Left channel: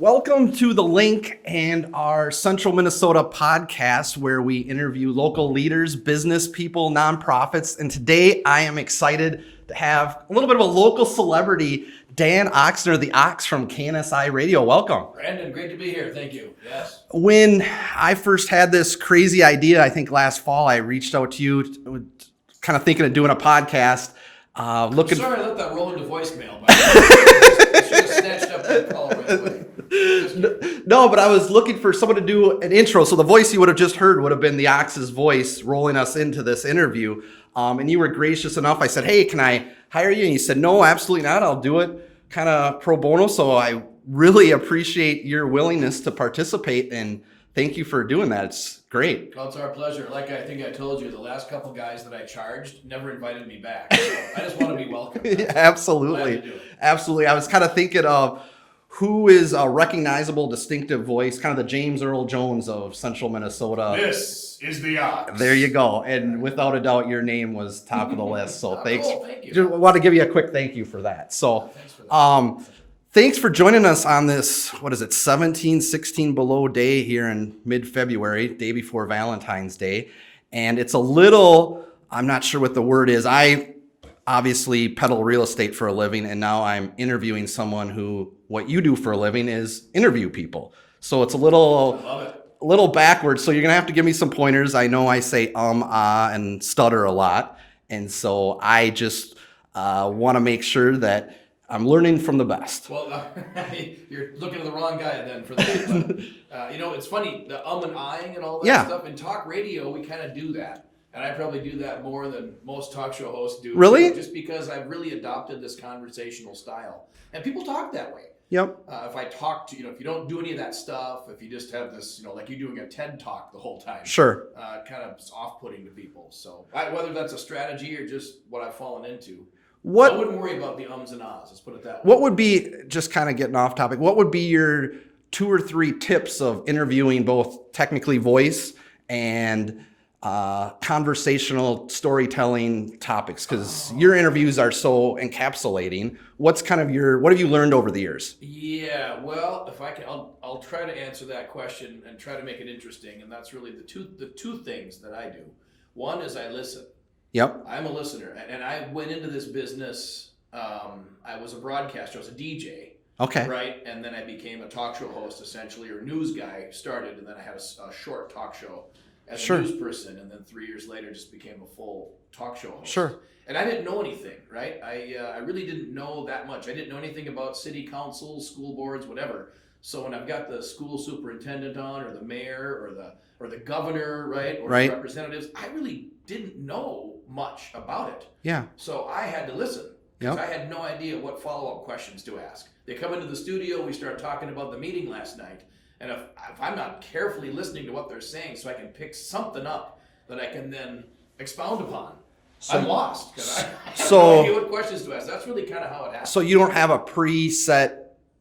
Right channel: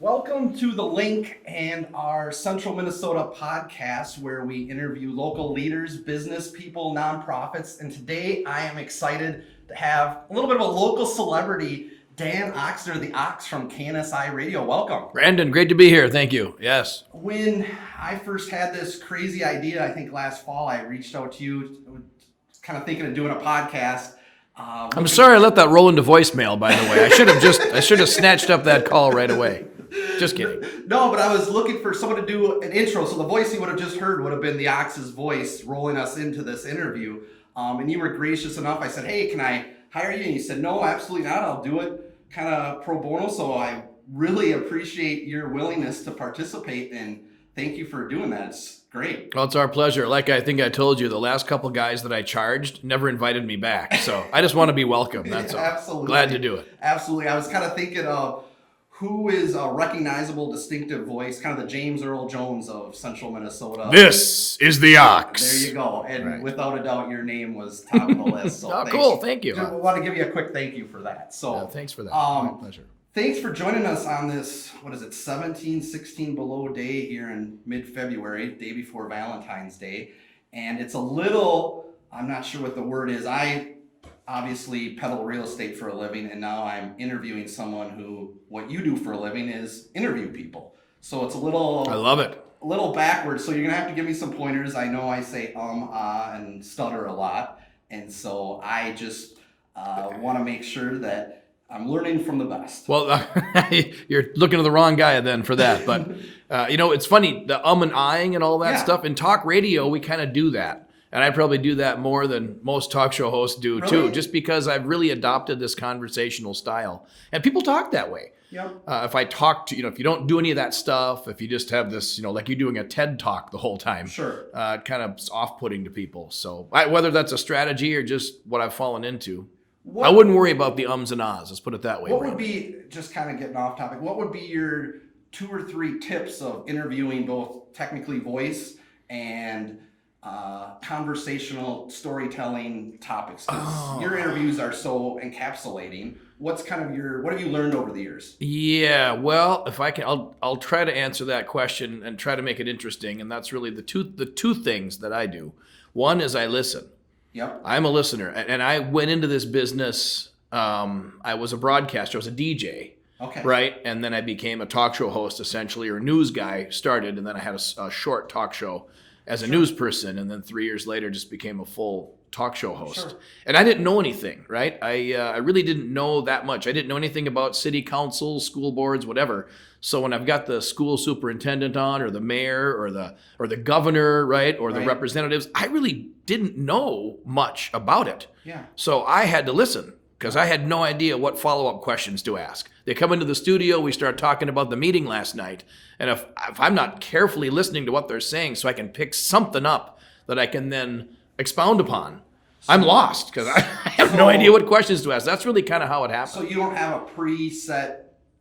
Welcome to The Link and our Central Minnesota podcast where we interview local leaders, business people, nonprofits. And today I am excited to have a little bit of a local celebrity, Dan Ochsner, the Ox from KNSI Radio. Welcome. Brandon, great to be here. Thank you. Yes. When I first had this crazy idea, I think last fall, I reached out to you kind of thinking of doing a podcast. I'm sorry I let that roll into voicemail, by the way. I should have snatched up that call right away. Just kidding. No, but I was looking for someone to do an intro. So the voice you would have just heard would have been the Ox's voice rolling us into this interview. And you were gracious enough. I said, hey, can I hire you? And you said, no, absolutely not. I'll do it kind of pro bono. So I really appreciate your willingness to participate. And thank you for doing that. It's great. Well, it's our pleasure. Like I think I told you, the last couple guys that I charged never invited me back. So I just want to be welcome. Yeah, absolutely. Glad to do it. Absolutely. I was kind of thinking of who is a recognizable, distinctive voice, kind of the James Earl Jones of Central Minnesota. This is the Ox. There you go. And without a doubt, your name was top of the list. So cool. Thank you. Just want to give you a quick thank you for that. So thanks for that. Pleasure. Thanks for joining us on this, 16 below day here in mid-February, day before Valentine's Day. And it's a little, I'm not sure what the word is. I obviously peddle real estate for a living, and now I'm interviewing someone who, what you do for a living is interview people. So it's a little, I love it. A little backwards. So you're going to have to give me some pointers. I know I say and stutter a lot. And so I just want to make sure that I'm learning from the best. Well, you're looking to the wrong guy then for that. But, it's funny, the and ahhing and all that stuff. In talk radio, we kind of do that. And I probably do that more than most talk show hosts do, too. Just because I've really adopted this conversational style. And people talk that way. Yep. If I talk to, if you don't do any of that stuff, if you just have this, like you're doing a TED talk the whole time. Sure. Kind of off-putting to people. So whether that's a strategy or just what I've fallen into. I wouldn't worry about the ums and ahs. Let's put it that way. What would be, just kind of getting off topic, what would be your 2 or 3 tips of interviewing both technically voice and conversational storytelling topics? Because your interviews are so encapsulating. What have you learned over the years? Yeah, well, if I can, I'll try to answer that question and try to make it interesting. And that's really the two things that I do. One is I listen. Yep. I'm a listener. And I went into this business, I was a broadcaster, I was a DJ. Okay. Right? And then I became a talk show host, essentially, or a news guy started, and then I had a short talk show as a news person, and then 3 years later just became a full talk show host. Sure. And I didn't know anything, right? I really didn't know that much. I didn't know anything about city councils, school boards, whatever. So when I've got the school superintendent on, or the mayor, or the governor, right, or the representatives, I really didn't know much about it. Yeah. So I had to listen because I had no idea what follow-up questions to ask. They come into the studio, we start talking about the meeting last night, and if I'm not carefully listening to what they're saying so I can pick something up that I can then expound upon, I'm lost because I have no idea what questions to ask. That's really kind of how it happens. So you don't have a preset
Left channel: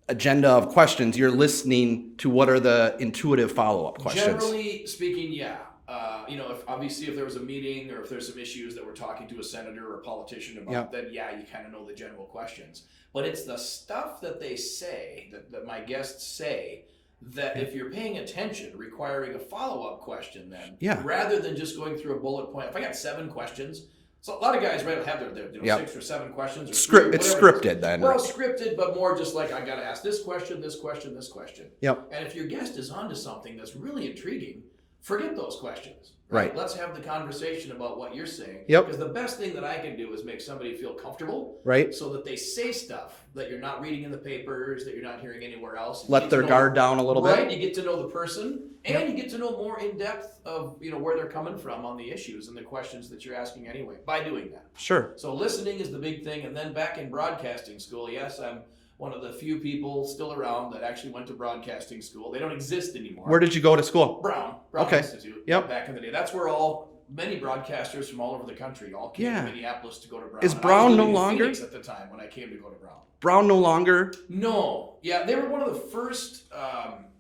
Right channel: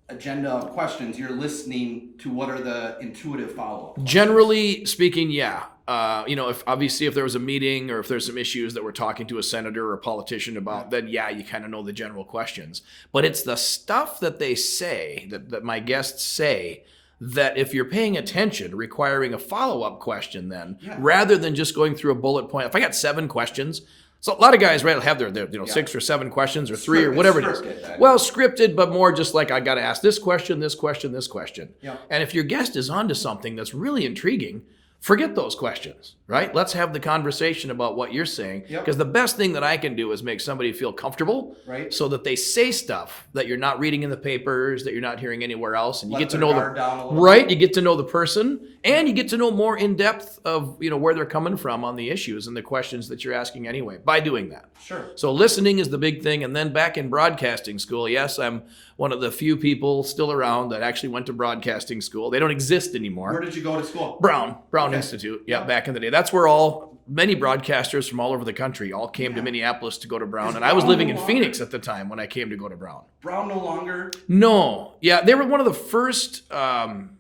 agenda of questions. You're listening to what are the intuitive follow-up questions. Generally speaking, yeah. If there was a meeting or if there's some issues that we're talking to a senator or a politician about, then you kind of know the general questions. But it's the stuff that they say, that my guests say, that if you're paying attention, requiring a follow-up question then, rather than just going through a bullet point. If I got 7 questions, so a lot of guys, have their 6 or 7 questions or 3 or whatever. Scripted then. Well, scripted, but more just like I got to ask this question, this question, this question. Yep. And if your guest is onto something that's really intriguing, forget those questions, right? Let's have the conversation about what you're saying. Because the best thing that I can do is make somebody feel comfortable, so that they say stuff that you're not reading in the papers, that you're not hearing anywhere else. And Let you get their to know guard down a little bit. Right, you get to know the person, and you get to know more in depth of where they're coming from on the issues and the questions that you're asking anyway by doing that. Sure. So listening is the big thing. And then back in broadcasting school, yes, I'm one of the few people still around that actually went to broadcasting school. They don't exist anymore. Where did you go to school? Brown Institute. Yep, back in the day. That's where many broadcasters from all over the country all came to Minneapolis to go to Brown. And I was living in Phoenix at the time when I came to go to Brown. Brown no longer? No. Yeah, they were one of the first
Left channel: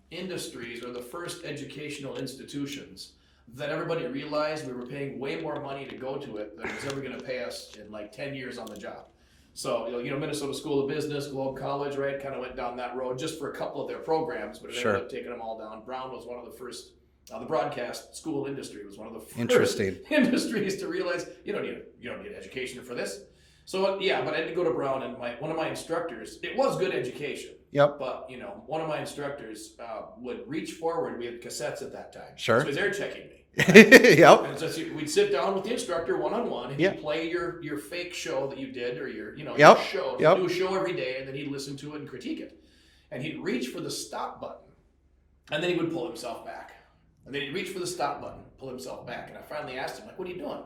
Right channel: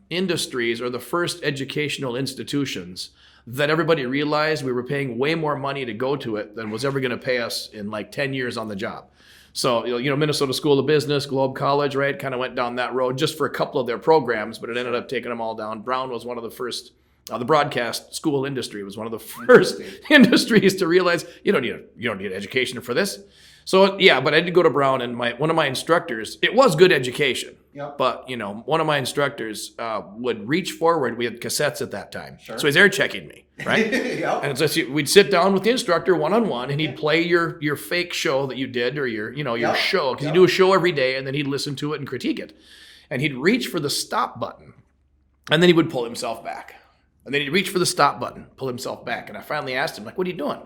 industries or the first educational institutions that everybody realized we were paying way more money to go to it than was ever going to pay us in like 10 years on the job. So, Minnesota School of Business, Globe College, right? Kind of went down that road just for a couple of their programs, but it ended up taking them all down. Brown was one of the first, the broadcast school industry was one of the first industries to realize you don't need education for this. So, yeah, but I did go to Brown, and one of my instructors, it was good education. Yep. But, one of my instructors would reach forward. We had cassettes at that time. Sure. So he's air checking me, right? Yep. And so we'd sit down with the instructor one-on-one, and he'd play your fake show that you did, or your show. He'd do a show every day, and then he'd listen to it and critique it. And he'd reach for the stop button, and then he would pull himself back. And then he'd reach for the stop button, pull himself back. And I finally asked him, like, what are you doing?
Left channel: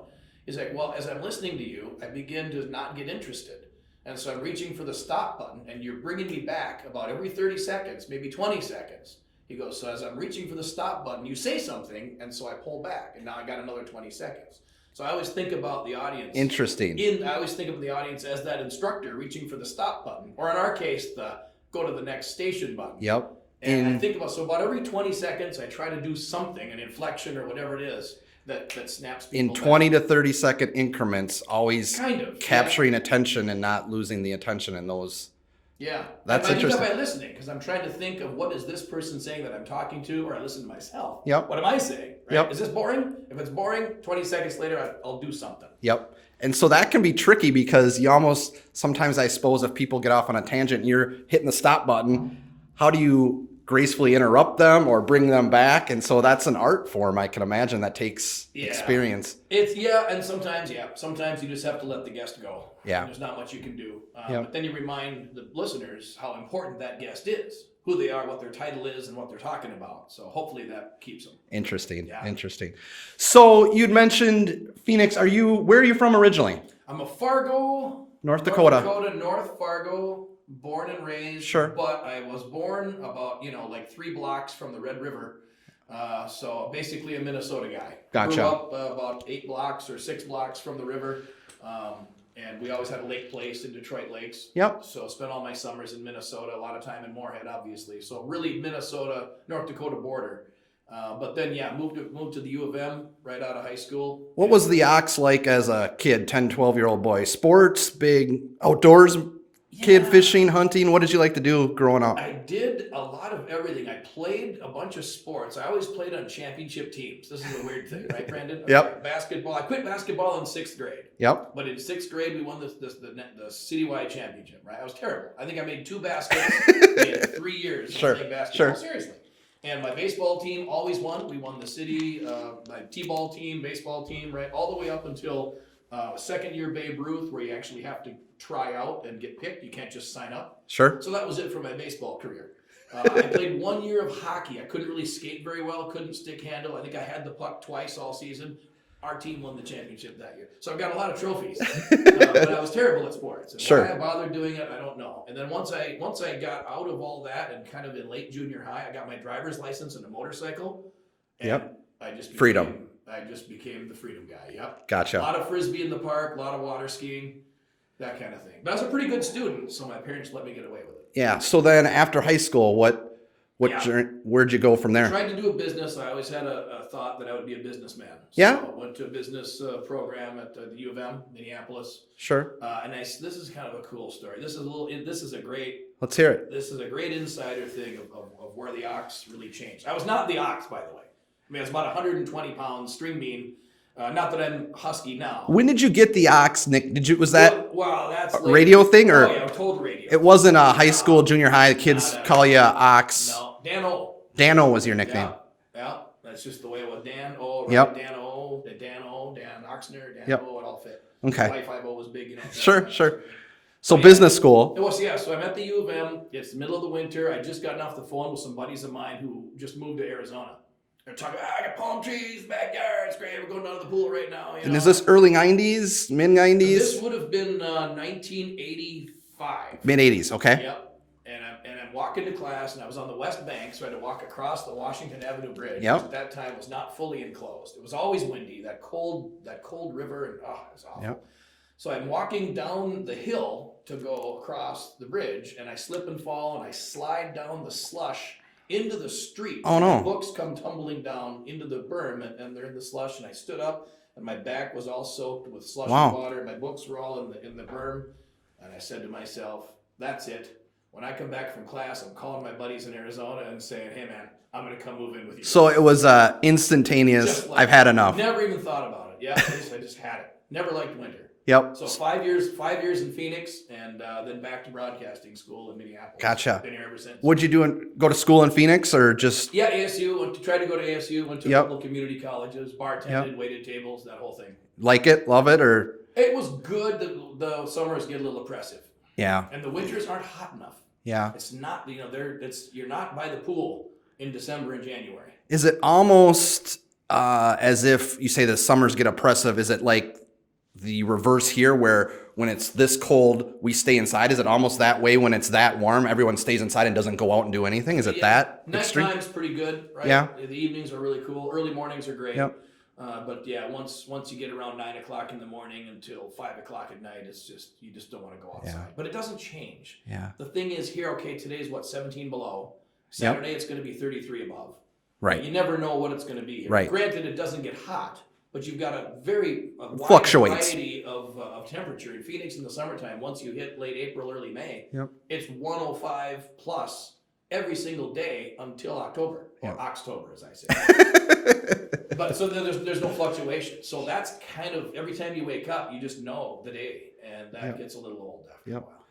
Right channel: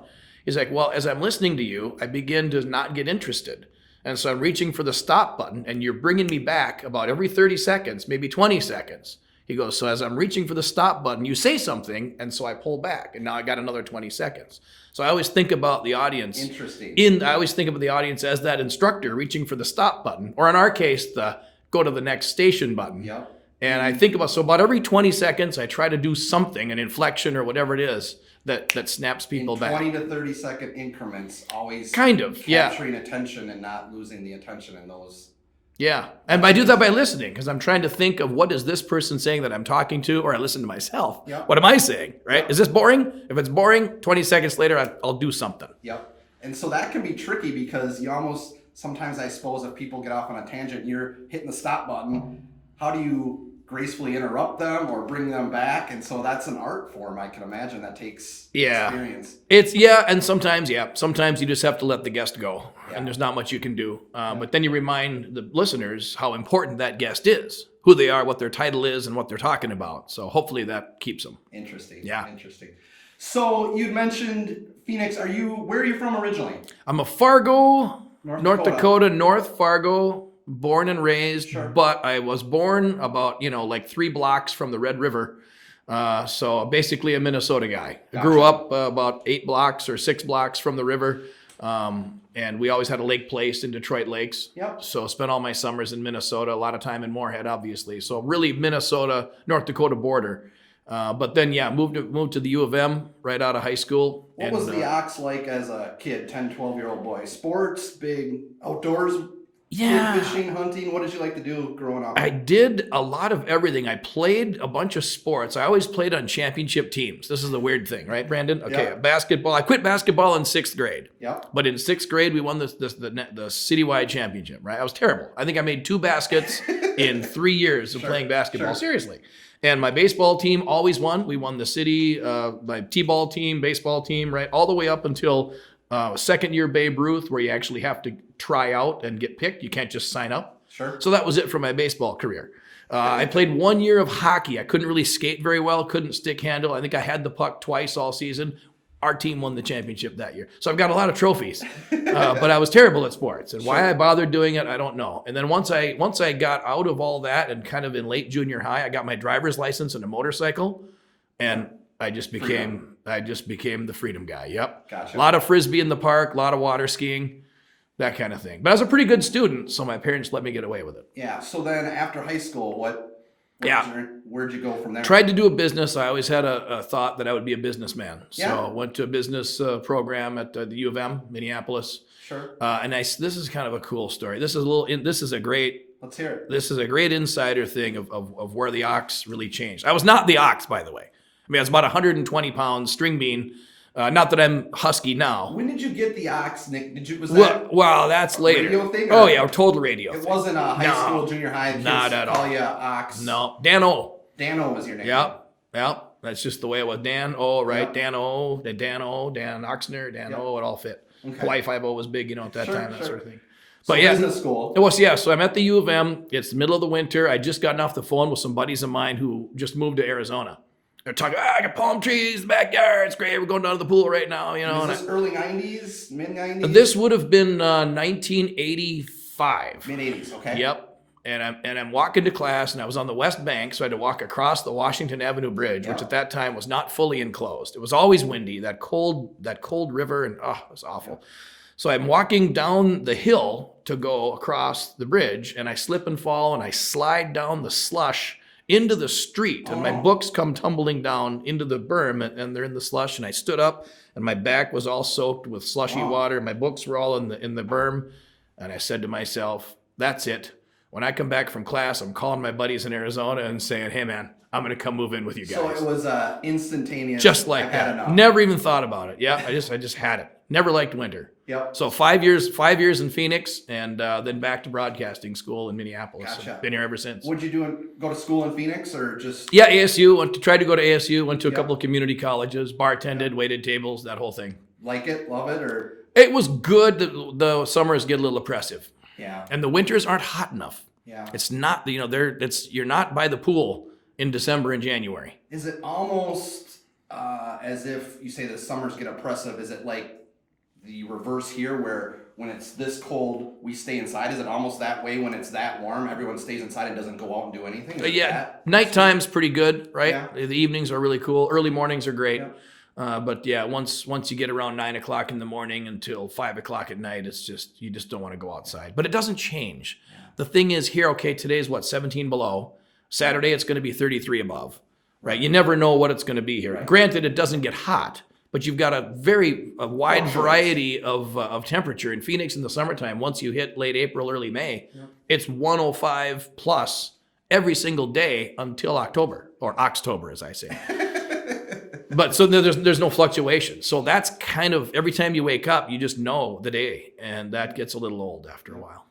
He's like, well, as I'm listening to you, I begin to not get interested. And so I'm reaching for the stop button, and you're bringing me back about every 30 seconds, maybe 20 seconds. He goes, so as I'm reaching for the stop button, you say something, and so I pull back, and now I got another 20 seconds. So I always think about the audience. Interesting. I always think about the audience as that instructor reaching for the stop button, or in our case, the go to the next station button. Yep. And I think about every 20 seconds, I try to do something, an inflection or whatever it is, that snaps people back. In 20 to 30 second increments, always capturing attention and not losing the attention in those. Yeah. And I do that by listening, because I'm trying to think of what is this person saying that I'm talking to, or I listen to myself. Yep. What am I saying, right? Yep. Is this boring? If it's boring, 20 seconds later, I'll do something. Yep. And so that can be tricky, because you almost, sometimes I suppose if people get off on a tangent, you're hitting the stop button, how do you gracefully interrupt them or bring them back? And so that's an art form, I can imagine, that takes experience. And sometimes you just have to let the guest go. Yeah. And there's not much you can do. But then you remind the listeners how important that guest is, who they are, what their title is, and what they're talking about. So hopefully that keeps them. Interesting. Yeah. Interesting. So you'd mentioned Phoenix. Where are you from originally? I'm a Fargo, North Dakota, North Fargo, born and raised. Sure. But I was born about, like 3 blocks from the Red River. So basically a Minnesota guy. Gotcha. Grew up about 8 blocks or 6 blocks from the river. And we always had a lake place in Detroit Lakes. Yep. So spent all my summers in Minnesota, a lot of time in Moorhead, obviously. So really Minnesota, North Dakota border. But then, moved to the U of M right out of high school. What was the Ox like as a kid, 10, 12-year-old boy? Sports, big outdoors kid, fishing, hunting? What did you like to do growing up? I did a lot of everything. I played a bunch of sports. I always played on championship teams. This is the weird thing, right, Brandon? Okay, Yep. Basketball. I quit basketball in 6th grade. Yep. But in 6th grade, we won the citywide championship, right? I was terrible. I think I made 2 baskets in 3 years of playing basketball. Sure. Seriously. And my baseball team always won. We won the city, my t-ball team, baseball team, right? All the way up until second year Babe Ruth, where you actually have to try out and get picked. You can't just sign up. Sure. So that was it for my baseball career. I played 1 year of hockey. I couldn't really skate very well, couldn't stick handle. I think I had the puck twice all season. Our team won the championship that year. So I've got a lot of trophies, but I was terrible at sports. And why I bothered doing it, I don't know. And then once I got out of all that and kind of in late junior high, I got my driver's license and a motorcycle, and I just became the freedom guy. Yep. Gotcha. A lot of Frisbee in the park, a lot of water skiing, that kind of thing. But I was a pretty good student, so my parents let me get away with it. Yeah. So then after high school, where'd you go from there? Tried to do a business. I always had a thought that I would be a businessman. So went to a business program at the U of M, Minneapolis. Sure. This is kind of a cool story. Let's hear it. This is a great insider thing of where the Ox really changed. I was not the Ox, by the way. I mean, I was about 120 pounds, string bean. Not that I'm husky now. When did you get the Ox, Nick? Well, that's a later. Radio thing? Or? Oh, yeah, total radio. It wasn't a high school, junior high, kids call you Ox. No, Dan-O. Dan-O was your nickname. Yeah. That's just the way it was. Dan-O, right? Yep. Dan-O, Dan Ochsner, Dan-O, it all fit. Okay. Y50 was big, at that time. Sure. Sort of so business school. It was, So I'm at the U of M. It's the middle of the winter. I just gotten off the phone with some buddies of mine who just moved to Arizona. They're talking, I got palm trees in the backyard. It's great. We're going down to the pool right now. And is this early 90s, mid 90s? This would have been 1985. Mid 80s, okay. Yep. And I'm walking to class, and I was on the West Bank, so I had to walk across the Washington Avenue Bridge, which at that time was not fully enclosed. It was always windy, that cold river, and it was awful. Yep. So I'm walking down the hill to go across the bridge, and I slip and fall, and I slide down the slush into the street. My books come tumbling down into the berm, and they're in the slush. And I stood up, and my back was all soaked with slushy water. My books were all in the berm. And I said to myself, that's it. When I come back from class, I'm calling my buddies in Arizona and saying, hey, man, I'm going to come move in with you guys. So it was instantaneous. Just like I've had enough. Never even thought about it. Yeah, I just had it. Never liked winter. Yep. So 5 years in Phoenix, and then back to broadcasting school in Minneapolis. Gotcha. Been here ever since. What'd you do? Go to school in Phoenix or just? Yeah, ASU. Tried to go to ASU. Went to a couple of community colleges. Bartended, waited tables, that whole thing. Like it? Love it? Or? It was good. The summers get a little oppressive. Yeah. And the winters aren't hot enough. Yeah. It's not. You're not by the pool in December and January. Is it almost as if you say the summers get oppressive? Is it like the reverse here where when it's this cold, we stay inside? Is it almost that way when it's that warm? Everyone stays inside and doesn't go out and do anything? Is it that? Nighttime's pretty good, right? Yeah. The evenings are really cool. Early mornings are great. Yep. But yeah, once you get around 9 o'clock in the morning until 5 o'clock at night, it's just, you just don't want to go outside. But it doesn't change. Yeah. The thing is here, okay, today's 17 below. Saturday, it's going to be 33 above. Right. You never know what it's going to be here. Right. Granted, it doesn't get hot, but you've got a wide variety of temperature. In Phoenix in the summertime, once you hit late April, early May, it's 105 plus every single day until October, or Oxtober, as I say. But so there's no fluctuation. So that's kind of, every time you wake up, you just know the day, and that gets a little old after a while.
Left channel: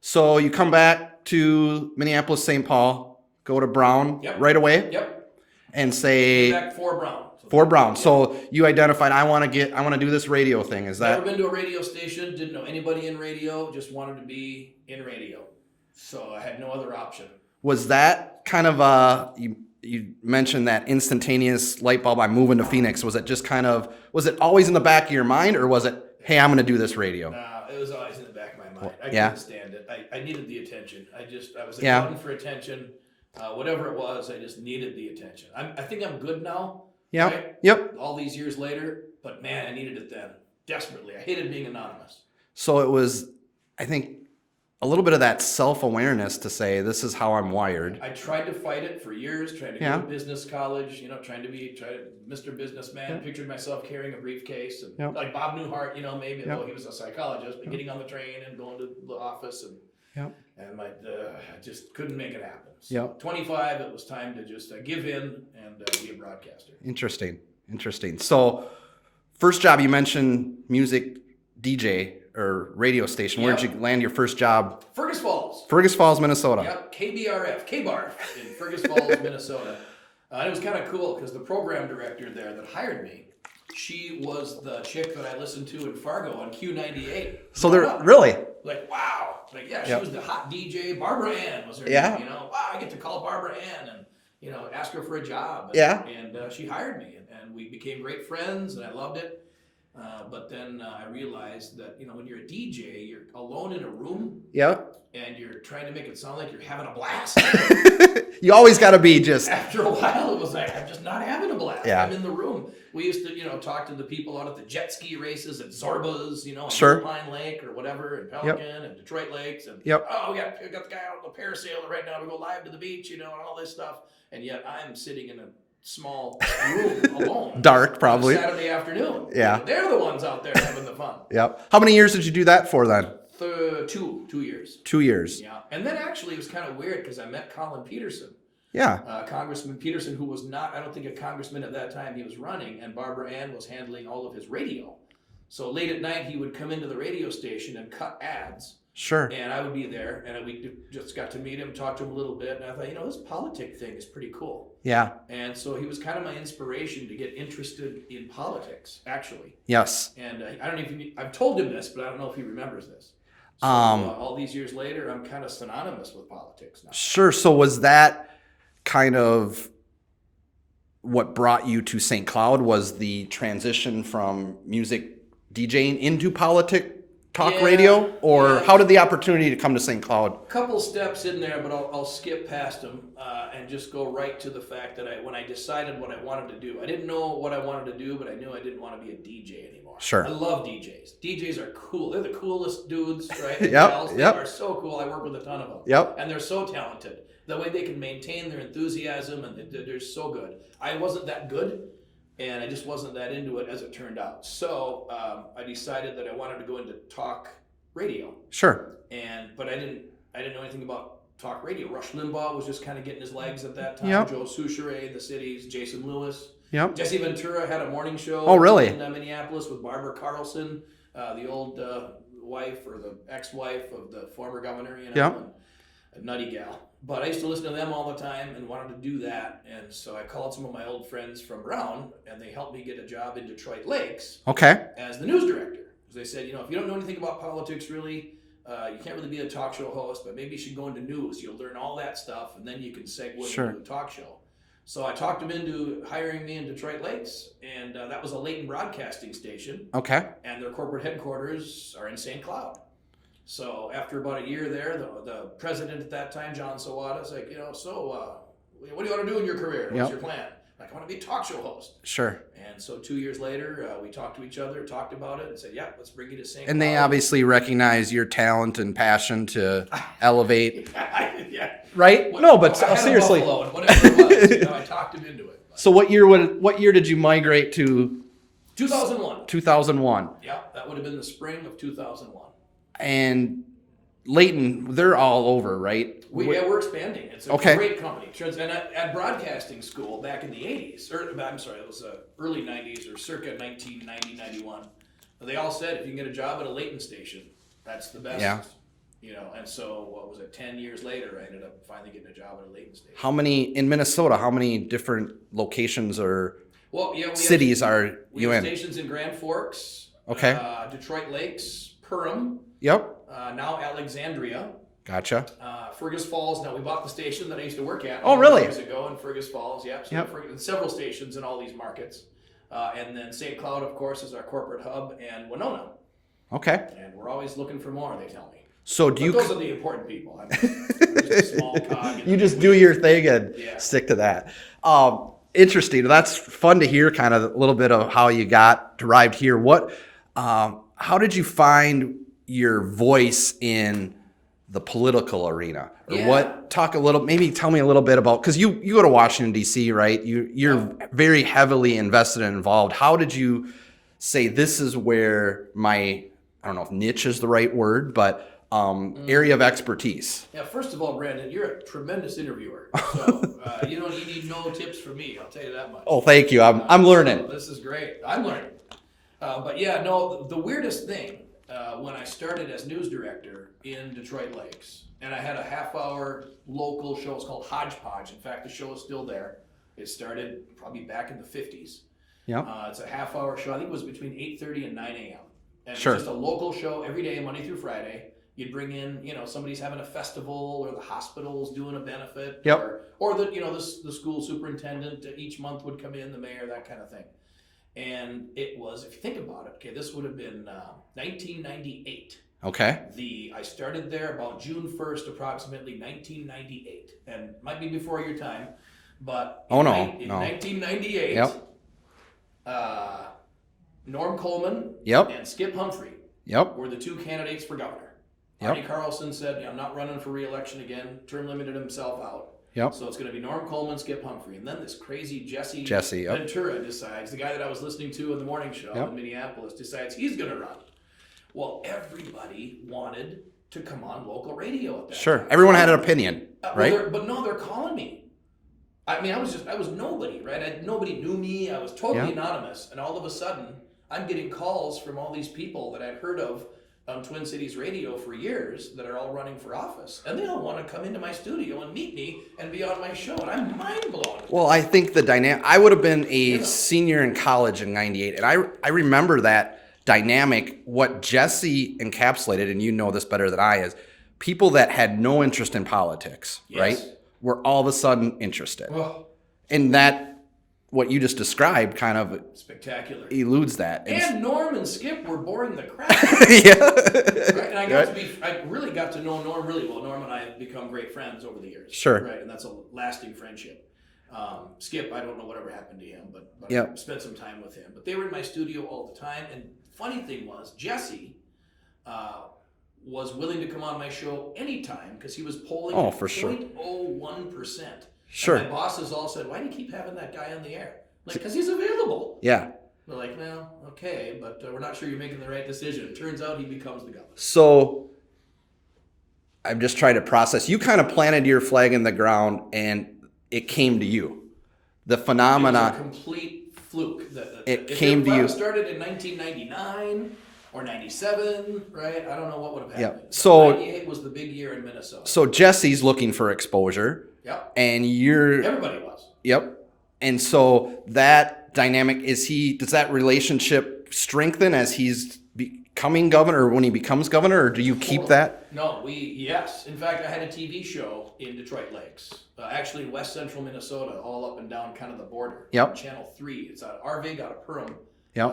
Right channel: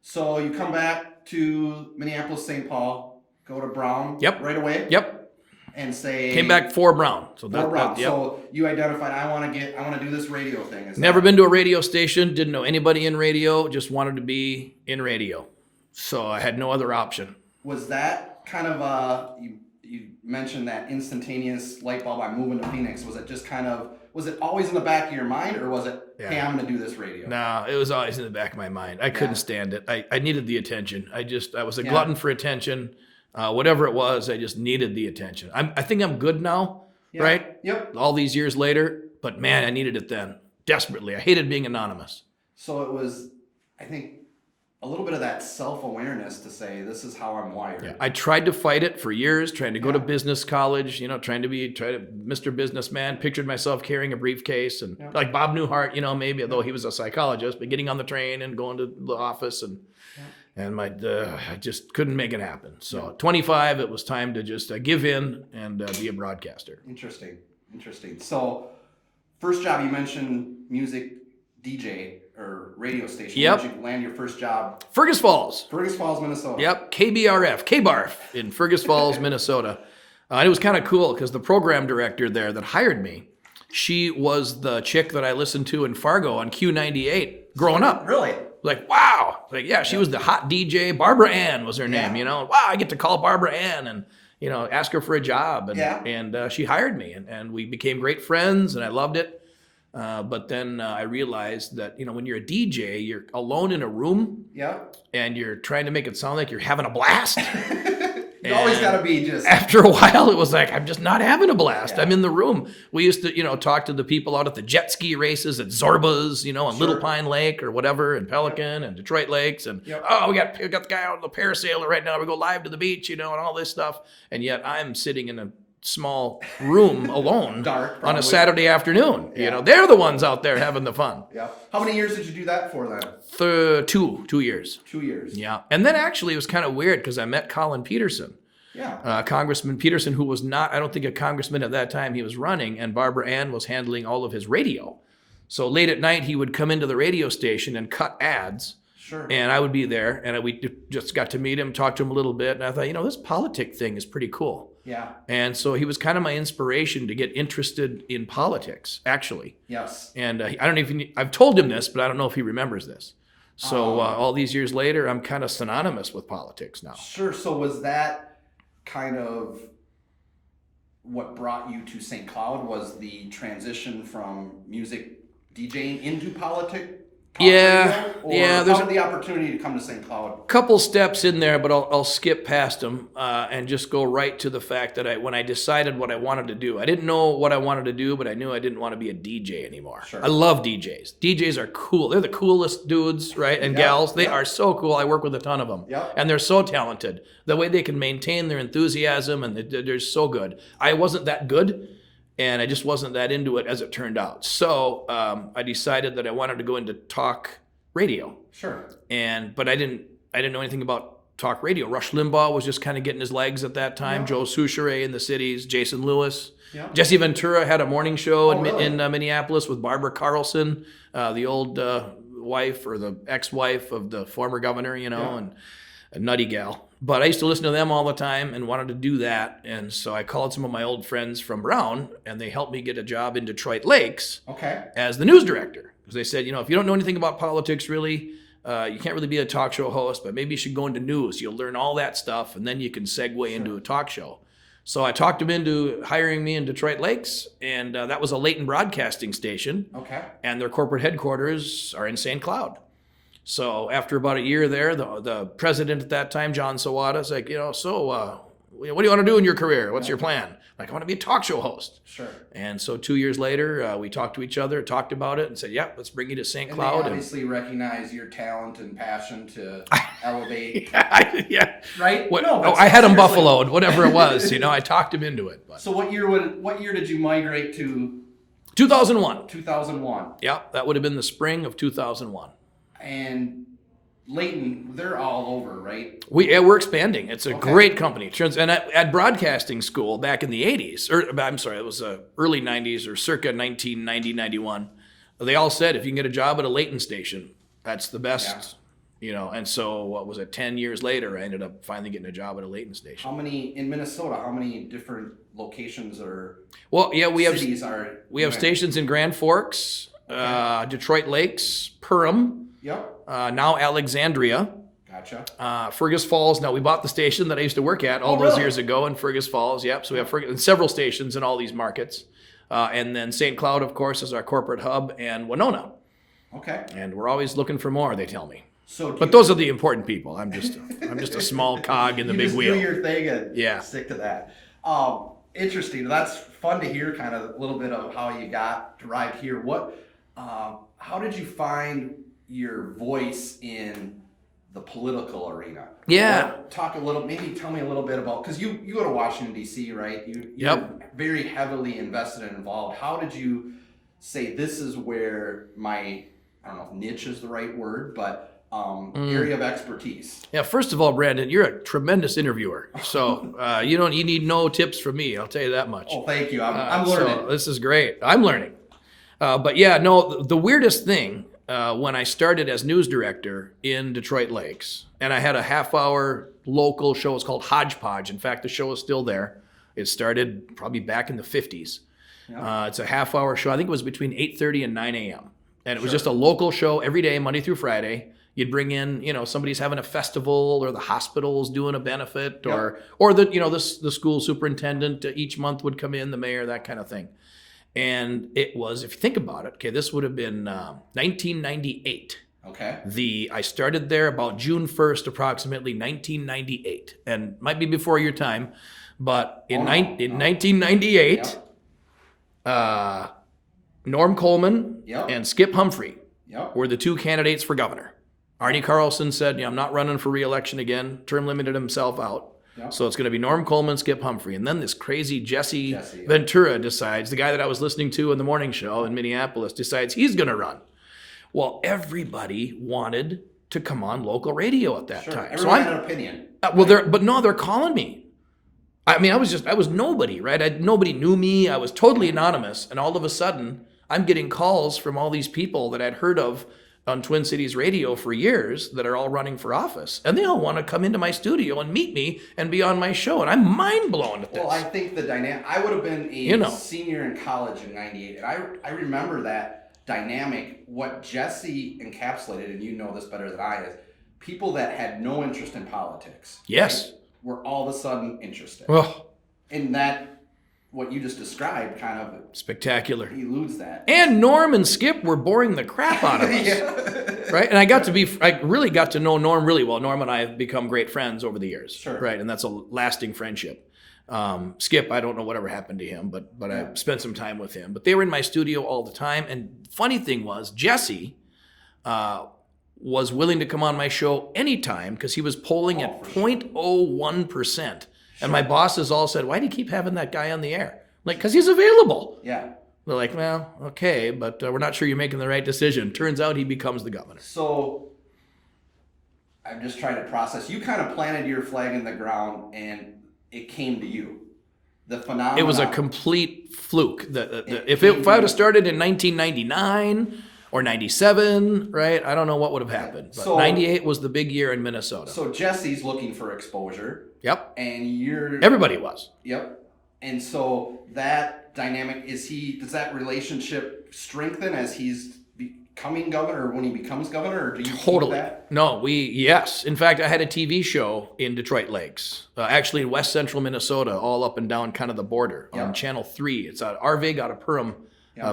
So you come back to Minneapolis, St. Paul, go to Brown right away? Yep. And say... Came back for Brown. Brown. So you identified, I want to do this radio thing. Is that... Never been to a radio station, didn't know anybody in radio, just wanted to be in radio. So I had no other option. Was that kind of you mentioned that instantaneous light bulb, I'm moving to Phoenix. Was it just kind of, was it always in the back of your mind, or was it, hey, I'm going to do this radio? No, it was always in the back of my mind. I couldn't stand it. I needed the attention. I was a glutton for attention. Whatever it was, I just needed the attention. I think I'm good now, right? Yep. All these years later, but man, I needed it then desperately. I hated being anonymous. So it was, I think, a little bit of that self-awareness to say, this is how I'm wired. I tried to fight it for years, trying to go to business college, trying to be Mr. Businessman, pictured myself carrying a briefcase and like Bob Newhart, maybe, although he was a psychologist, but getting on the train and going to the office and I just couldn't make it happen. So 25, it was time to just give in and be a broadcaster. Interesting. So first job, you mentioned music DJ or radio station. Where'd you land your first job? Fergus Falls, Minnesota. Yep, KBRF, KBARF in Fergus Falls, Minnesota. And it was kind of cool because the program director there that hired me, she was the chick that I listened to in Fargo on Q98 growing up. Really? Like, wow. Like, yeah, she was the hot DJ. Barbara Ann was her name, Wow, I get to call Barbara Ann and, ask her for a job. And, and she hired me and we became great friends and I loved it. But then I realized that, when you're a DJ, you're alone in a room and you're trying to make it sound like you're having a blast. You always got to be just... After a while, it was like, I'm just not having a blast. I'm in the room. We used to, talk to the people out at the jet ski races at Zorba's, on Little Pine Lake or whatever, and Pelican and Detroit Lakes. And, oh, we got the guy out on the parasailer right now. We go live to the beach, and all this stuff. And yet I'm sitting in a small room alone. Dark, probably. On a Saturday afternoon. They're the ones out there having the fun. How many years did you do that for then? 2 years. 2 years. Yeah. And then actually it was kind of weird because I met Colin Peterson. Congressman Peterson, who was not, I don't think a congressman at that time, he was running, and Barbara Ann was handling all of his radio. So late at night, he would come into the radio station and cut ads. Sure. And I would be there, and we just got to meet him, talk to him a little bit, and I thought, this politic thing is pretty cool. Yeah. And so he was kind of my inspiration to get interested in politics, actually. Yes. And I don't know if I've told him this, but I don't know if he remembers this. So all these years later, I'm kind of synonymous with politics now. Sure. So was that kind of what brought you to St. Cloud, was the transition from music DJing into talk radio? Or how did the opportunity to come to St. Cloud? Couple steps in there, but I'll skip past them and just go right to the fact that when I decided what I wanted to do, I didn't know what I wanted to do, but I knew I didn't want to be a DJ anymore. Sure. I love DJs. DJs are cool. They're the coolest dudes, right? And gals. They are so cool. I work with a ton of them. And they're so talented. The way they can maintain their enthusiasm, and they're so good. I wasn't that good. And I just wasn't that into it as it turned out. So I decided that I wanted to go into talk radio. Sure. But I didn't know anything about talk radio. Rush Limbaugh was just kind of getting his legs at that time. Yep. Joe Souchere in the cities, Jason Lewis. Yep. Jessie Ventura had a morning show really? in Minneapolis with Barbara Carlson, the old wife or the ex-wife of the former governor, Yep. and a nutty gal. But I used to listen to them all the time and wanted to do that. And so I called some of my old friends from Brown, and they helped me get a job in Detroit Lakes Okay. as the news director. Because they said, if you don't know anything about politics, really, you can't really be a talk show host, but maybe you should go into news. You'll learn all that stuff, and then you can segue Sure. into a talk show. So I talked them into hiring me in Detroit Lakes, and that was a Leighton broadcasting station, Okay. and their corporate headquarters are in St. Cloud. So after about a year there, the president at that time, John Sawada, is like, what do you want to do in your career? What's Yep. your plan? Like, I want to be a talk show host. Sure. And so 2 years later, we talked to each other, talked about it, and said, yeah, let's bring you to St. And Cloud. they obviously recognize your talent and passion to elevate. Yeah. Right? I had him seriously. buffaloed, whatever it was. I talked him into it. But So what year did you migrate to 2001. 2001? Yeah, that would have been the spring of 2001. And Leighton, they're all over, right? We're expanding. It's a Okay. great company. And at broadcasting school back in the 80s, it was early 90s or circa 1990, 91, they all said if you can get a job at a Leighton station, that's the best. Yeah. And so what was it, 10 years later, I ended up finally getting a job at a Leighton station. In Minnesota, how many different locations or cities are we have stations in Grand Forks, Okay. Detroit Lakes, Perham, Yep. now Alexandria, Gotcha. Fergus Falls. Now we bought the station that I used to work at all really? those years ago in Fergus Falls. Yep. So we have several stations in all these markets. And then St. Cloud, of course, is our corporate hub, and Winona. Okay. And we're always looking for more, they tell me. So But those are the important people. I'm just a small cog in the you big just wheel. do your thing and Yeah. stick to that. Interesting. That's fun to hear kind of a little bit of how you arrived here. How did you find your voice in the political arena? Yeah. Maybe tell me a little bit about, because you go to Washington, D.C., right? You're very heavily invested and involved. How did you say this is where I don't know if niche is the right word, but area of expertise? Yeah, first of all, Brandon, you're a tremendous interviewer. So you need no tips from me. I'll tell you that much. Oh, thank you. I'm learning. So this is great. I'm learning. The weirdest thing when I started as news director in Detroit Lakes, and I had a half-hour local show. It's called Hodgepodge. In fact, the show is still there. It started probably back in the 50s. Yeah. It's a half-hour show. I think it was between 8:30 and 9 a.m. And it Sure. was just a local show every day, Monday through Friday. You'd bring in, somebody's having a festival, or the hospital's doing a benefit, Yep. or the school superintendent each month would come in, the mayor, that kind of thing. And it was, if you think about it, okay, this would have been 1998. Okay. I started there about June 1st, approximately 1998, and might be before your time, but in 1998, Norm Coleman Yep. and Skip Humphrey Yep. were the two candidates for governor. Arnie Carlson said, I'm not running for re-election again, term limited himself out. Yep. So it's going to be Norm Coleman, Skip Humphrey. And then this crazy Jessie yep. Ventura decides, the guy that I was listening to in the morning show in Minneapolis, decides he's going to run. Well, everybody wanted to come on local radio at that time. Sure. Everyone had an opinion. Well, they're calling me. I mean, I was nobody, right? Nobody knew me. I was totally anonymous. And all of a sudden, I'm getting calls from all these people that I'd heard of on Twin Cities Radio for years that are all running for office. And they all want to come into my studio and meet me and be on my show. And I'm mind blown. Well, I think the dynamic, I would have been a senior in college in 98. And I remember that dynamic, what Jessie encapsulated, and you know this better than I is, people that had no interest in politics, right, were all of a sudden interested. And that, what you just described, kind of spectacular eludes that. And Norm and Skip were boring the crap out of us. Right? And I really got to know Norm really well. Norm and I have become great friends over the years. Sure. Right. And that's a lasting friendship. Skip, I don't know whatever happened to him, but I spent some time with him. But they were in my studio all the time. And funny thing was, Jessie was willing to come on my show anytime because he was polling at 0.01%. Sure. And my bosses all said, why do you keep having that guy on the air? Like, because he's available. Yeah. They're like, well, okay, but we're not sure you're making the right decision. Turns out he becomes the governor. So I'm just trying to process. You kind of planted your flag in the ground and it came to you. The phenomenon. It was a complete fluke. If I was started in 1999 or 97, right, I don't know what would have happened. So 98 was the big year in Minnesota. So Jesse's looking for exposure. Yep. And everybody was. Yep. And so that dynamic, does that relationship strengthen as he's becoming governor, or when he becomes governor, or do you keep that? No, yes. In fact, I had a TV show in Detroit Lakes, actually in west central Minnesota, all up and down kind of the border on Channel 3. It's Arvig out of Perham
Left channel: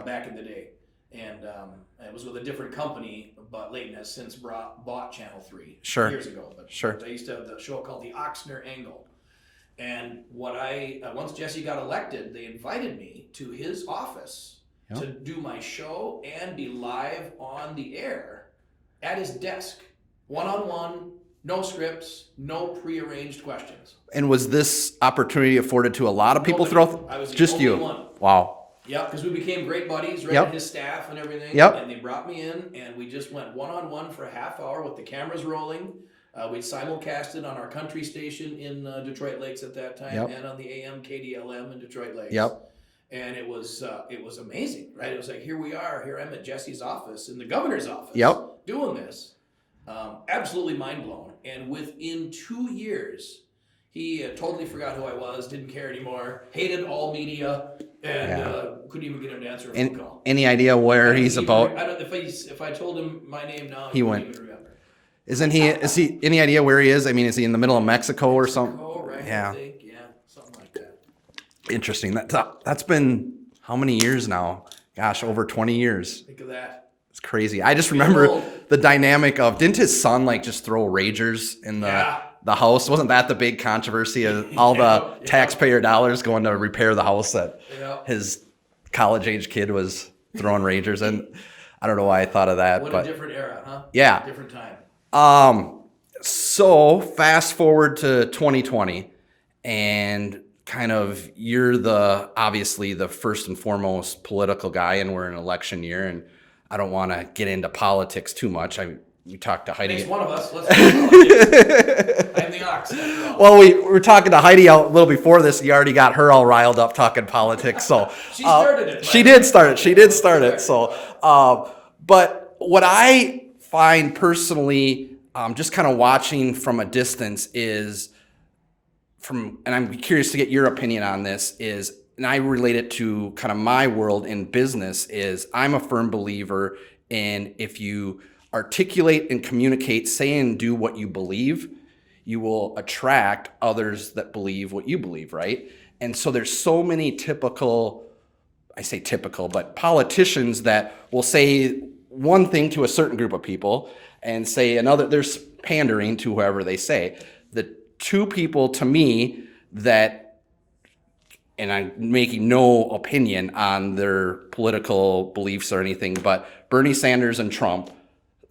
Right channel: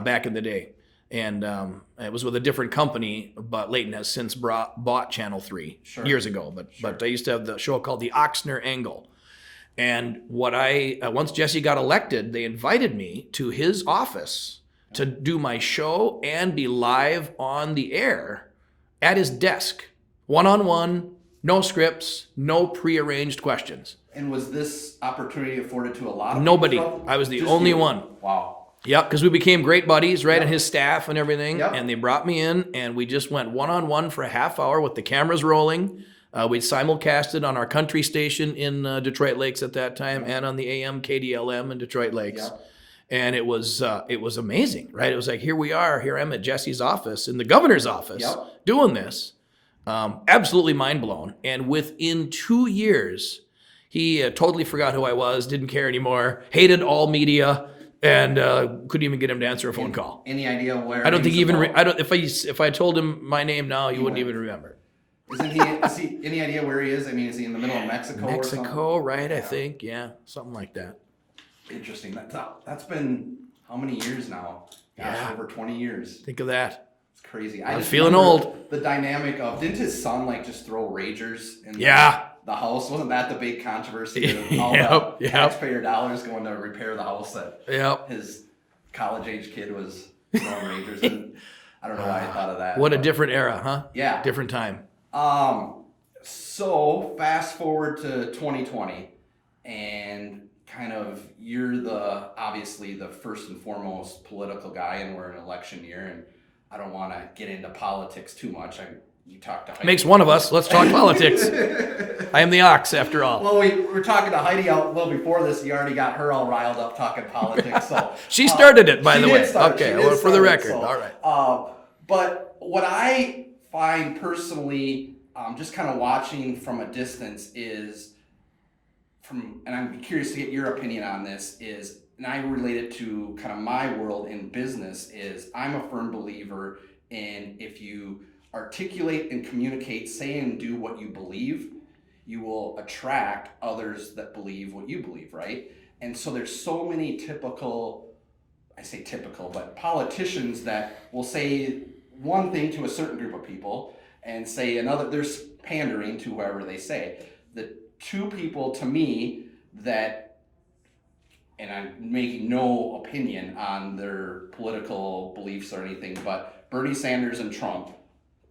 back in the day. And it was with a different company, but Leighton has since bought Channel 3 years ago. But I used to have the show called the Ochsner Angle. And once Jesse got elected, they invited me to his office to do my show and be live on the air at his desk, one-on-one, no scripts, no prearranged questions. And was this opportunity afforded to a lot of people? Nobody. I was the only one. Wow. Yep, because we became great buddies, right? And his staff and everything. Yep. And they brought me in, and we just went one-on-one for a half hour with the cameras rolling. We simulcasted on our country station in Detroit Lakes at that time, and on the AM KDLM in Detroit Lakes. Yep. And it was amazing, right? It was like, here I'm at Jesse's office, in the governor's office, doing this. Absolutely mind blown. And within 2 years, he totally forgot who I was, didn't care anymore, hated all media, and couldn't even get him to answer a phone call. Any idea where he's about? If I told him my name now, he wouldn't even remember. Isn't he? Is he? Any idea where he is? I mean, is he in the middle of Mexico or something? Mexico, right? I think, something like that. Interesting. That's been how many years now? Gosh, over 20 years. Think of that. It's crazy. I just remember the dynamic of, didn't his son just throw ragers in the house? Wasn't that the big controversy of all the taxpayer dollars going to repair the house that his college-age kid was throwing ragers in? I don't know why I thought of that. What a different era, huh? Yeah. Different time. So fast forward to 2020, and kind of you're obviously the first and foremost political guy, and we're in election year, and I don't want to get into politics too much. You talked to Heidi. Makes one of us. Let's talk politics. I am the ox, after all. Well, we were talking to Heidi a little before this. You already got her all riled up talking politics. So she started it. She did start it. So, right. But what I find personally, just kind of watching from a distance and I'm curious to get your opinion on this, and I relate it to kind of my world in business, is I'm a firm believer in, if you articulate and communicate, say and do what you believe, you will attract others that believe what you believe, right? And so there's so many but politicians that will say one thing to a certain group of people and say another. There's pandering to whoever they say. The two people to me that, and I'm making no opinion on their political beliefs or anything, but Bernie Sanders and Trump,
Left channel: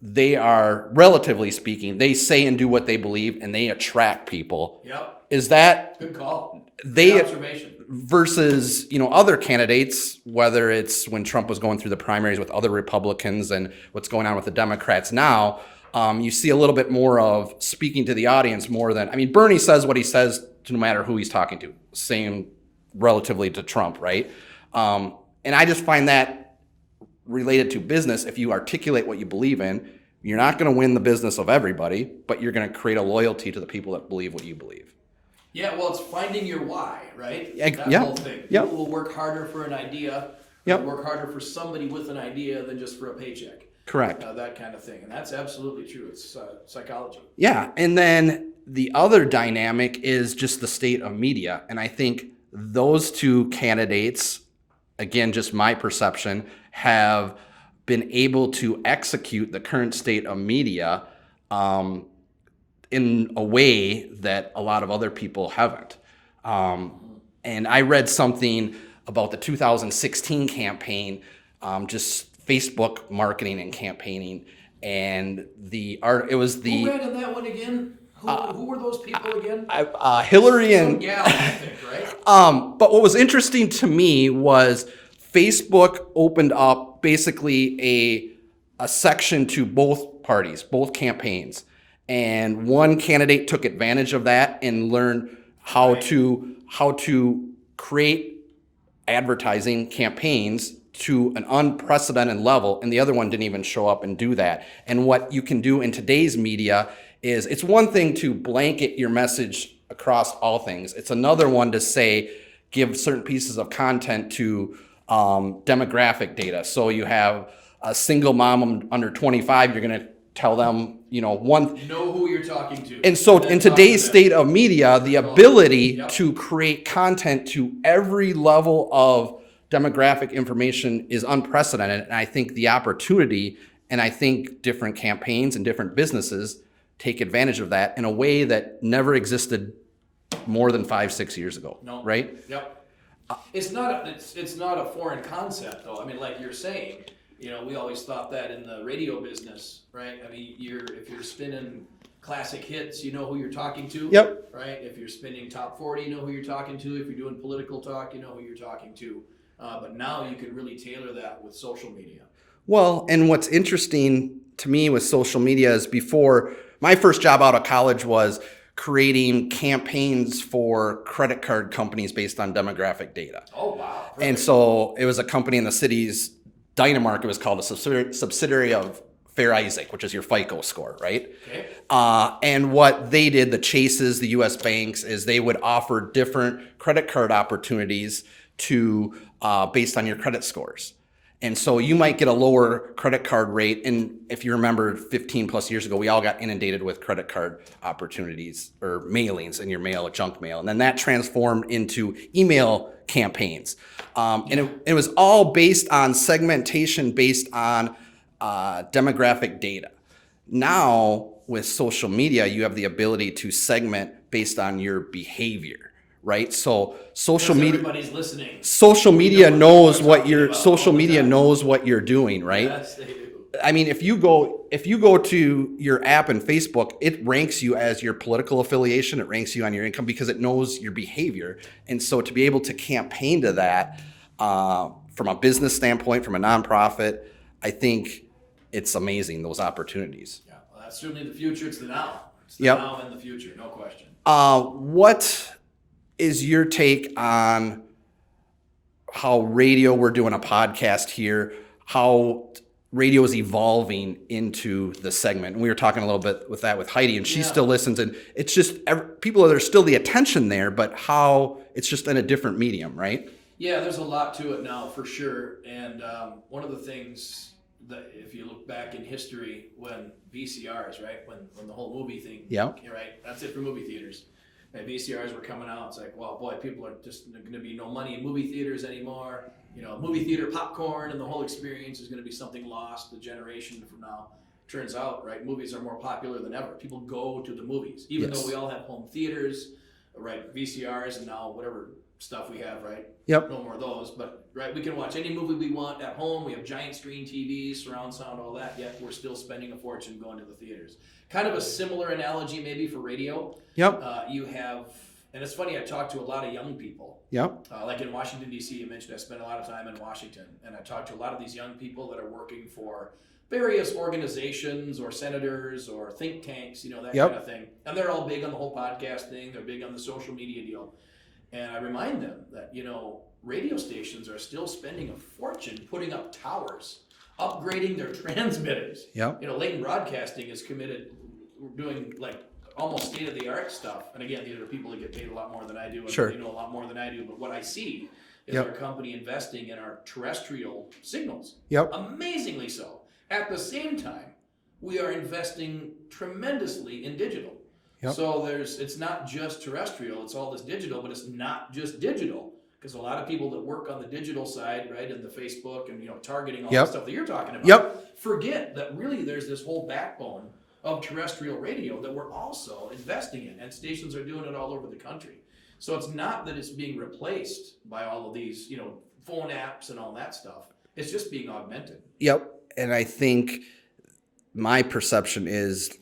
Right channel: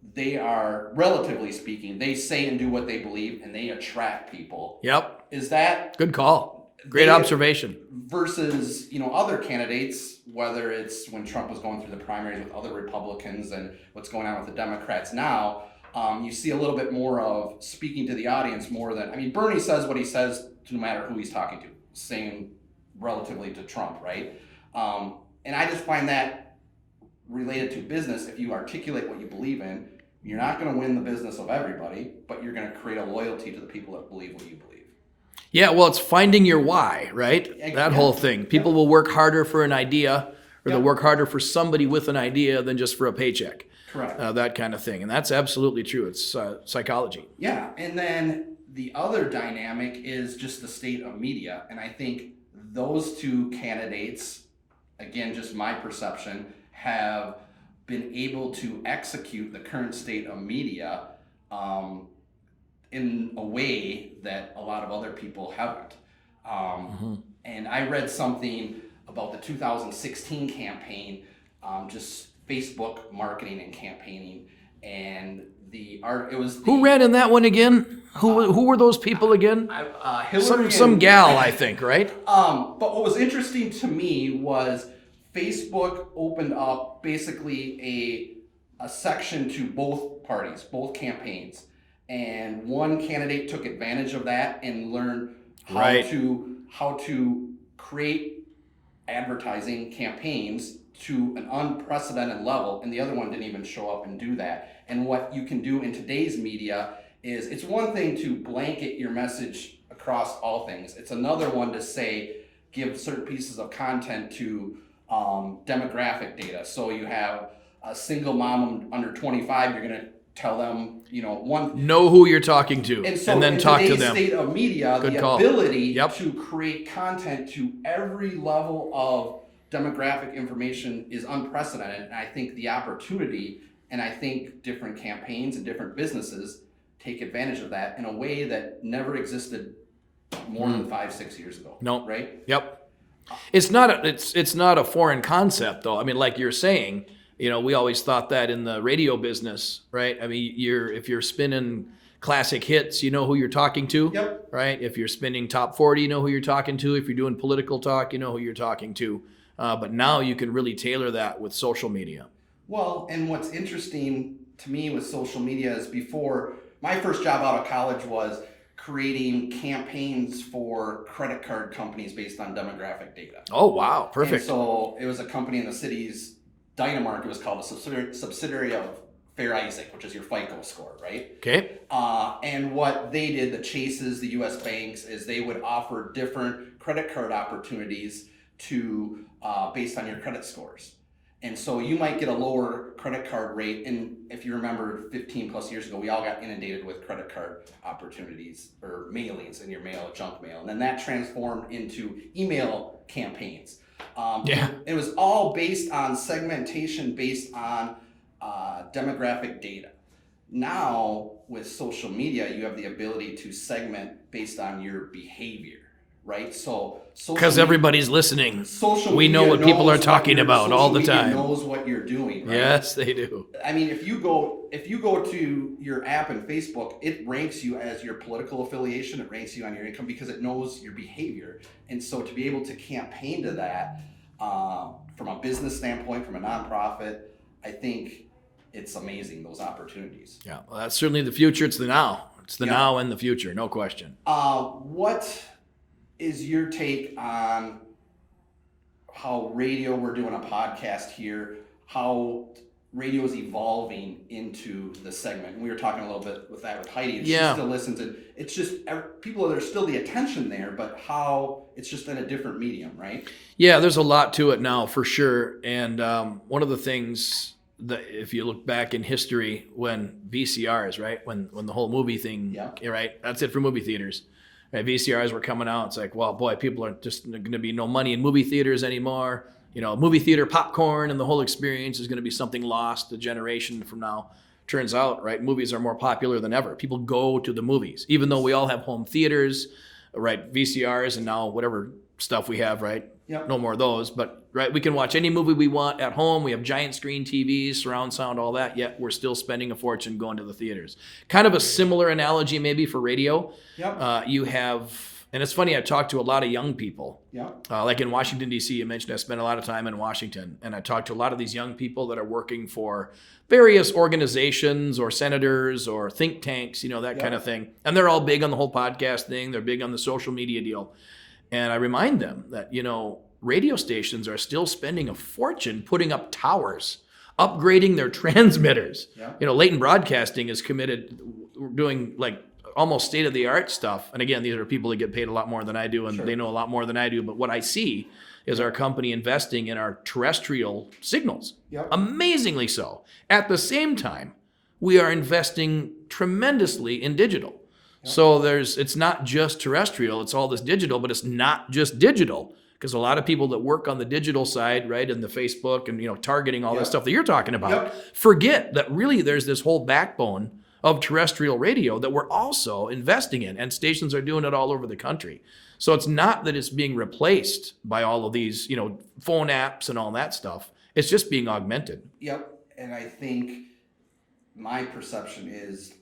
they are, relatively speaking, they say and do what they believe, and they attract people. Yep. Is that good call? Great observation. Versus, other candidates, whether it's when Trump was going through the primaries with other Republicans and what's going on with the Democrats now, you see a little bit more of speaking to the audience more than, Bernie says what he says to no matter who he's talking to, same relatively to Trump, right? And I just find that related to business. If you articulate what you believe in, you're not going to win the business of everybody, but you're going to create a loyalty to the people that believe what you believe. Yeah, well, it's finding your why, right? That whole thing. People will work harder for an idea, or they'll work harder for somebody with an idea than just for a paycheck. Correct. That kind of thing. And that's absolutely true. It's psychology. Yeah. And then the other dynamic is just the state of media. And I think those two candidates, again, just my perception, have been able to execute the current state of media in a way that a lot of other people haven't. And I read something about the 2016 campaign, just Facebook marketing and campaigning, and who ran in that one again? Who were those people again? Hillary some gal, I think, right? But what was interesting to me was Facebook opened up basically a section to both parties, both campaigns. And one candidate took advantage of that and learned how to create advertising campaigns to an unprecedented level, and the other one didn't even show up and do that. And what you can do in today's media is, it's one thing to blanket your message across all things. It's another one to say, give certain pieces of content to demographic data. So you have a single mom under 25, you're going to tell them, know who you're talking to. And so in today's state of media, Good the call. ability Yep. to create content to every level of demographic information is unprecedented. And I think the opportunity, and I think different campaigns and different businesses take advantage of that in a way that never existed more than 5-6 years ago. No. Right? Yep. It's not a foreign concept, though. I mean, like you're saying, we always thought that in the radio business, right? I mean, if you're spinning classic hits, you know who you're talking to. Yep. Right? If you're spinning top 40, you know who you're talking to. If you're doing political talk, you know who you're talking to. But now you can really tailor that with social media. Well, and what's interesting to me with social media is, before my first job out of college was creating campaigns for credit card companies based on demographic data. Oh, wow. Perfect. And so it was a company in the city's Dynamark. It was called a subsidiary of Fair Isaac, which is your FICO score, right? Okay. And what they did, the Chases, the U.S. banks, is they would offer different credit card opportunities to based on your credit scores. And so you might get a lower credit card rate. And if you remember 15 plus years ago, we all got inundated with credit card opportunities or mailings in your mail, junk mail. And then that transformed into email campaigns. And it was all based on segmentation, based on demographic data. Now with social media, you have the ability to segment based on your behavior. Right, so because everybody's listening. Social media knows what you're doing, right? Yes, they do. I mean, if you go to your app and Facebook, it ranks you as your political affiliation. It ranks you on your income because it knows your behavior. And so to be able to campaign to that from a business standpoint, from a nonprofit, I think it's amazing, those opportunities. Yeah, well, that's certainly the future. It's the now. It's the now and the future, no question. What is your take on how radio, we're doing a podcast here, how radio is evolving into the segment? And we were talking a little bit with Heidi, and she still listens, and it's just people, there's still the attention there, but how it's just in a different medium, right? Yeah, there's a lot to it now for sure. And one of the things that, if you look back in history, when VCRs, right, when the whole movie thing, right, that's it for movie theaters. Right, VCRs were coming out. It's like, well, boy, people are just going to be no money in movie theaters anymore. Movie theater popcorn and the whole experience is going to be something lost a generation from now. Turns out, right, movies are more popular than ever. People go to the movies, even though we all have home theaters, right, VCRs, and now whatever stuff we have, right? Yep. No more of those, but right, we can watch any movie we want at home. We have giant screen TVs, surround sound, all that, yet we're still spending a fortune going to the theaters. Kind of a similar analogy maybe for radio. Yep. You have, and it's funny, I talk to a lot of young people. Yep. Like in Washington, D.C., you mentioned I spent a lot of time in Washington, and I talk to a lot of these young people that are working for various organizations or senators or think tanks, that kind of thing. And they're all big on the whole podcast thing. They're big on the social media deal. And I remind them that, radio stations are still spending a fortune putting up towers, upgrading their transmitters. Yep. Leighton Broadcasting is committed, doing like almost state-of-the-art stuff. And again, these are people that get paid a lot more than I do, and they know a lot more than I do. But what I see is our company investing in our terrestrial signals. Yep. Amazingly so. At the same time, we are investing tremendously in digital. Yep. So it's not just terrestrial, it's all this digital, but it's not just digital. Because a lot of people that work on the digital side, right, and the Facebook and targeting all the stuff that you're talking about, forget that really there's this whole backbone of terrestrial radio that we're also investing in, and stations are doing it all over the country. So it's not that it's being replaced by all of these, phone apps and all that stuff. It's just being augmented. Yep. And I think my perception is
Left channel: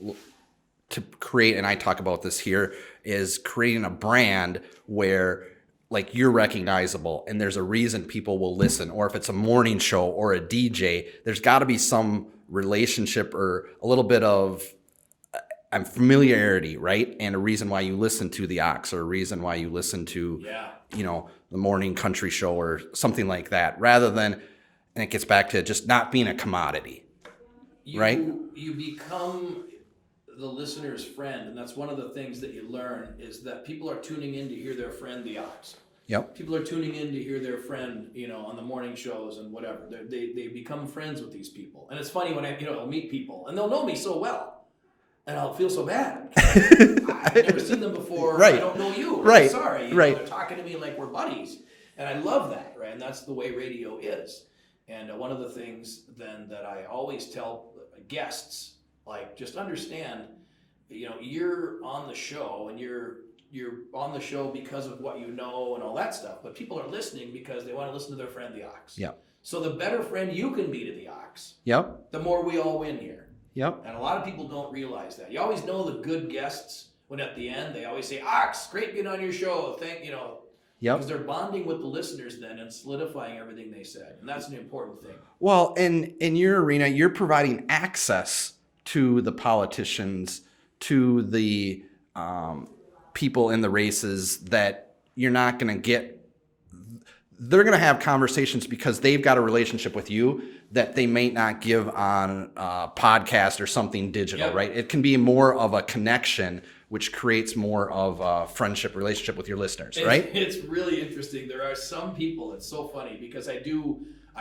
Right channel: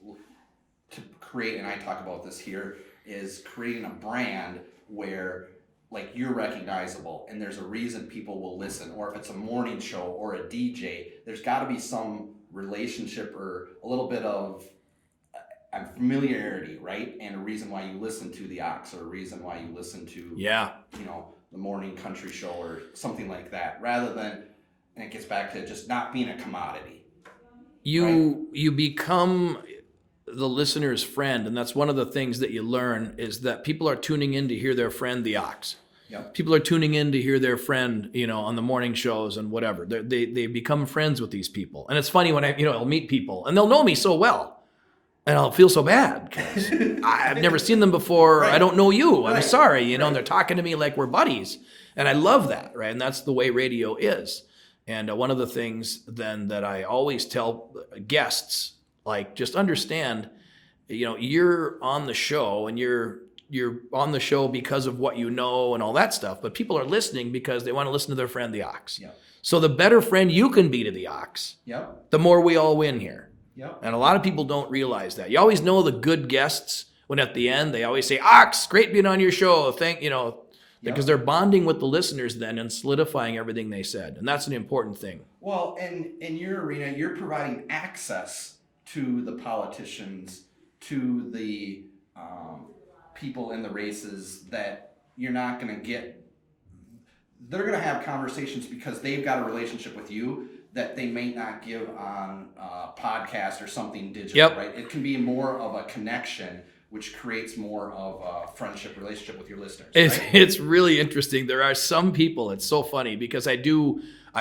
to create, and I talk about this here, is creating a brand where, like you're recognizable and there's a reason people will listen, or if it's a morning show or a DJ, there's got to be some relationship or a little bit of familiarity, right? And a reason why you listen to the Ox, or a reason why you listen to, the morning country show or something like that, rather than, and it gets back to just not being a commodity. You become the listener's friend, and that's one of the things that you learn, is that people are tuning in to hear their friend, the Ox. Yep. People are tuning in to hear their friend, on the morning shows and whatever. They become friends with these people. And it's funny when I'll meet people and they'll know me so well. And I'll feel so bad. I've never seen them before. Right. I don't know you. I'm sorry. They're talking to me like we're buddies. And I love that, right? And that's the way radio is. And one of the things then that I always tell guests, like, just understand, you're on the show and you're on the show because of what you know and all that stuff. But people are listening because they want to listen to their friend, the Ox. Yep. So the better friend you can be to the Ox, the more we all win here. Yep. And a lot of people don't realize that. You always know the good guests when at the end they always say, Ox, great being on your show. Because they're bonding with the listeners then and solidifying everything they said. And that's an important thing. Well, in your arena, you're providing access to the politicians, to the people in the races that you're not going to get. They're going to have conversations because they've got a relationship with you that they may not give on a podcast or something digital, right? It can be more of a connection, which creates more of a friendship relationship with your listeners, right? It's really interesting. There are some people, it's so funny because I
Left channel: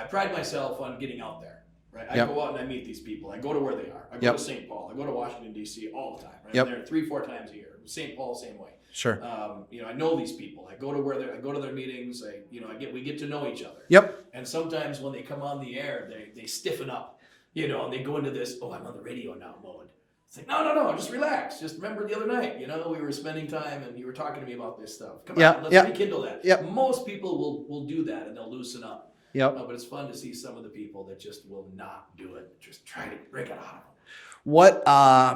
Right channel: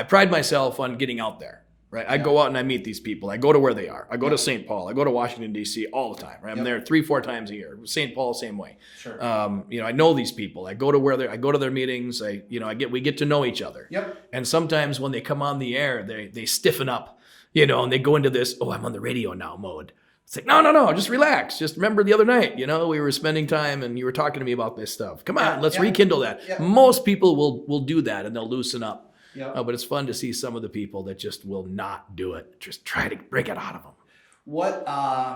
pride myself on getting out there, right? I go out and I meet these people. I go to where they are. I go to St. Paul. I go to Washington, D.C. all the time, right? I'm there 3-4 times a year. St. Paul, same way. Sure. I know these people. I go to their meetings. We get to know each other. Yep. And sometimes when they come on the air, they stiffen up, and they go into this, I'm on the radio now mode. It's like, no, just relax. Just remember the other night, we were spending time and you were talking to me about this stuff. Come on, let's rekindle that. Yep. Most people will do that and they'll loosen up. Yep. But it's fun to see some of the people that just will not do it. Just try to break it out of them. What,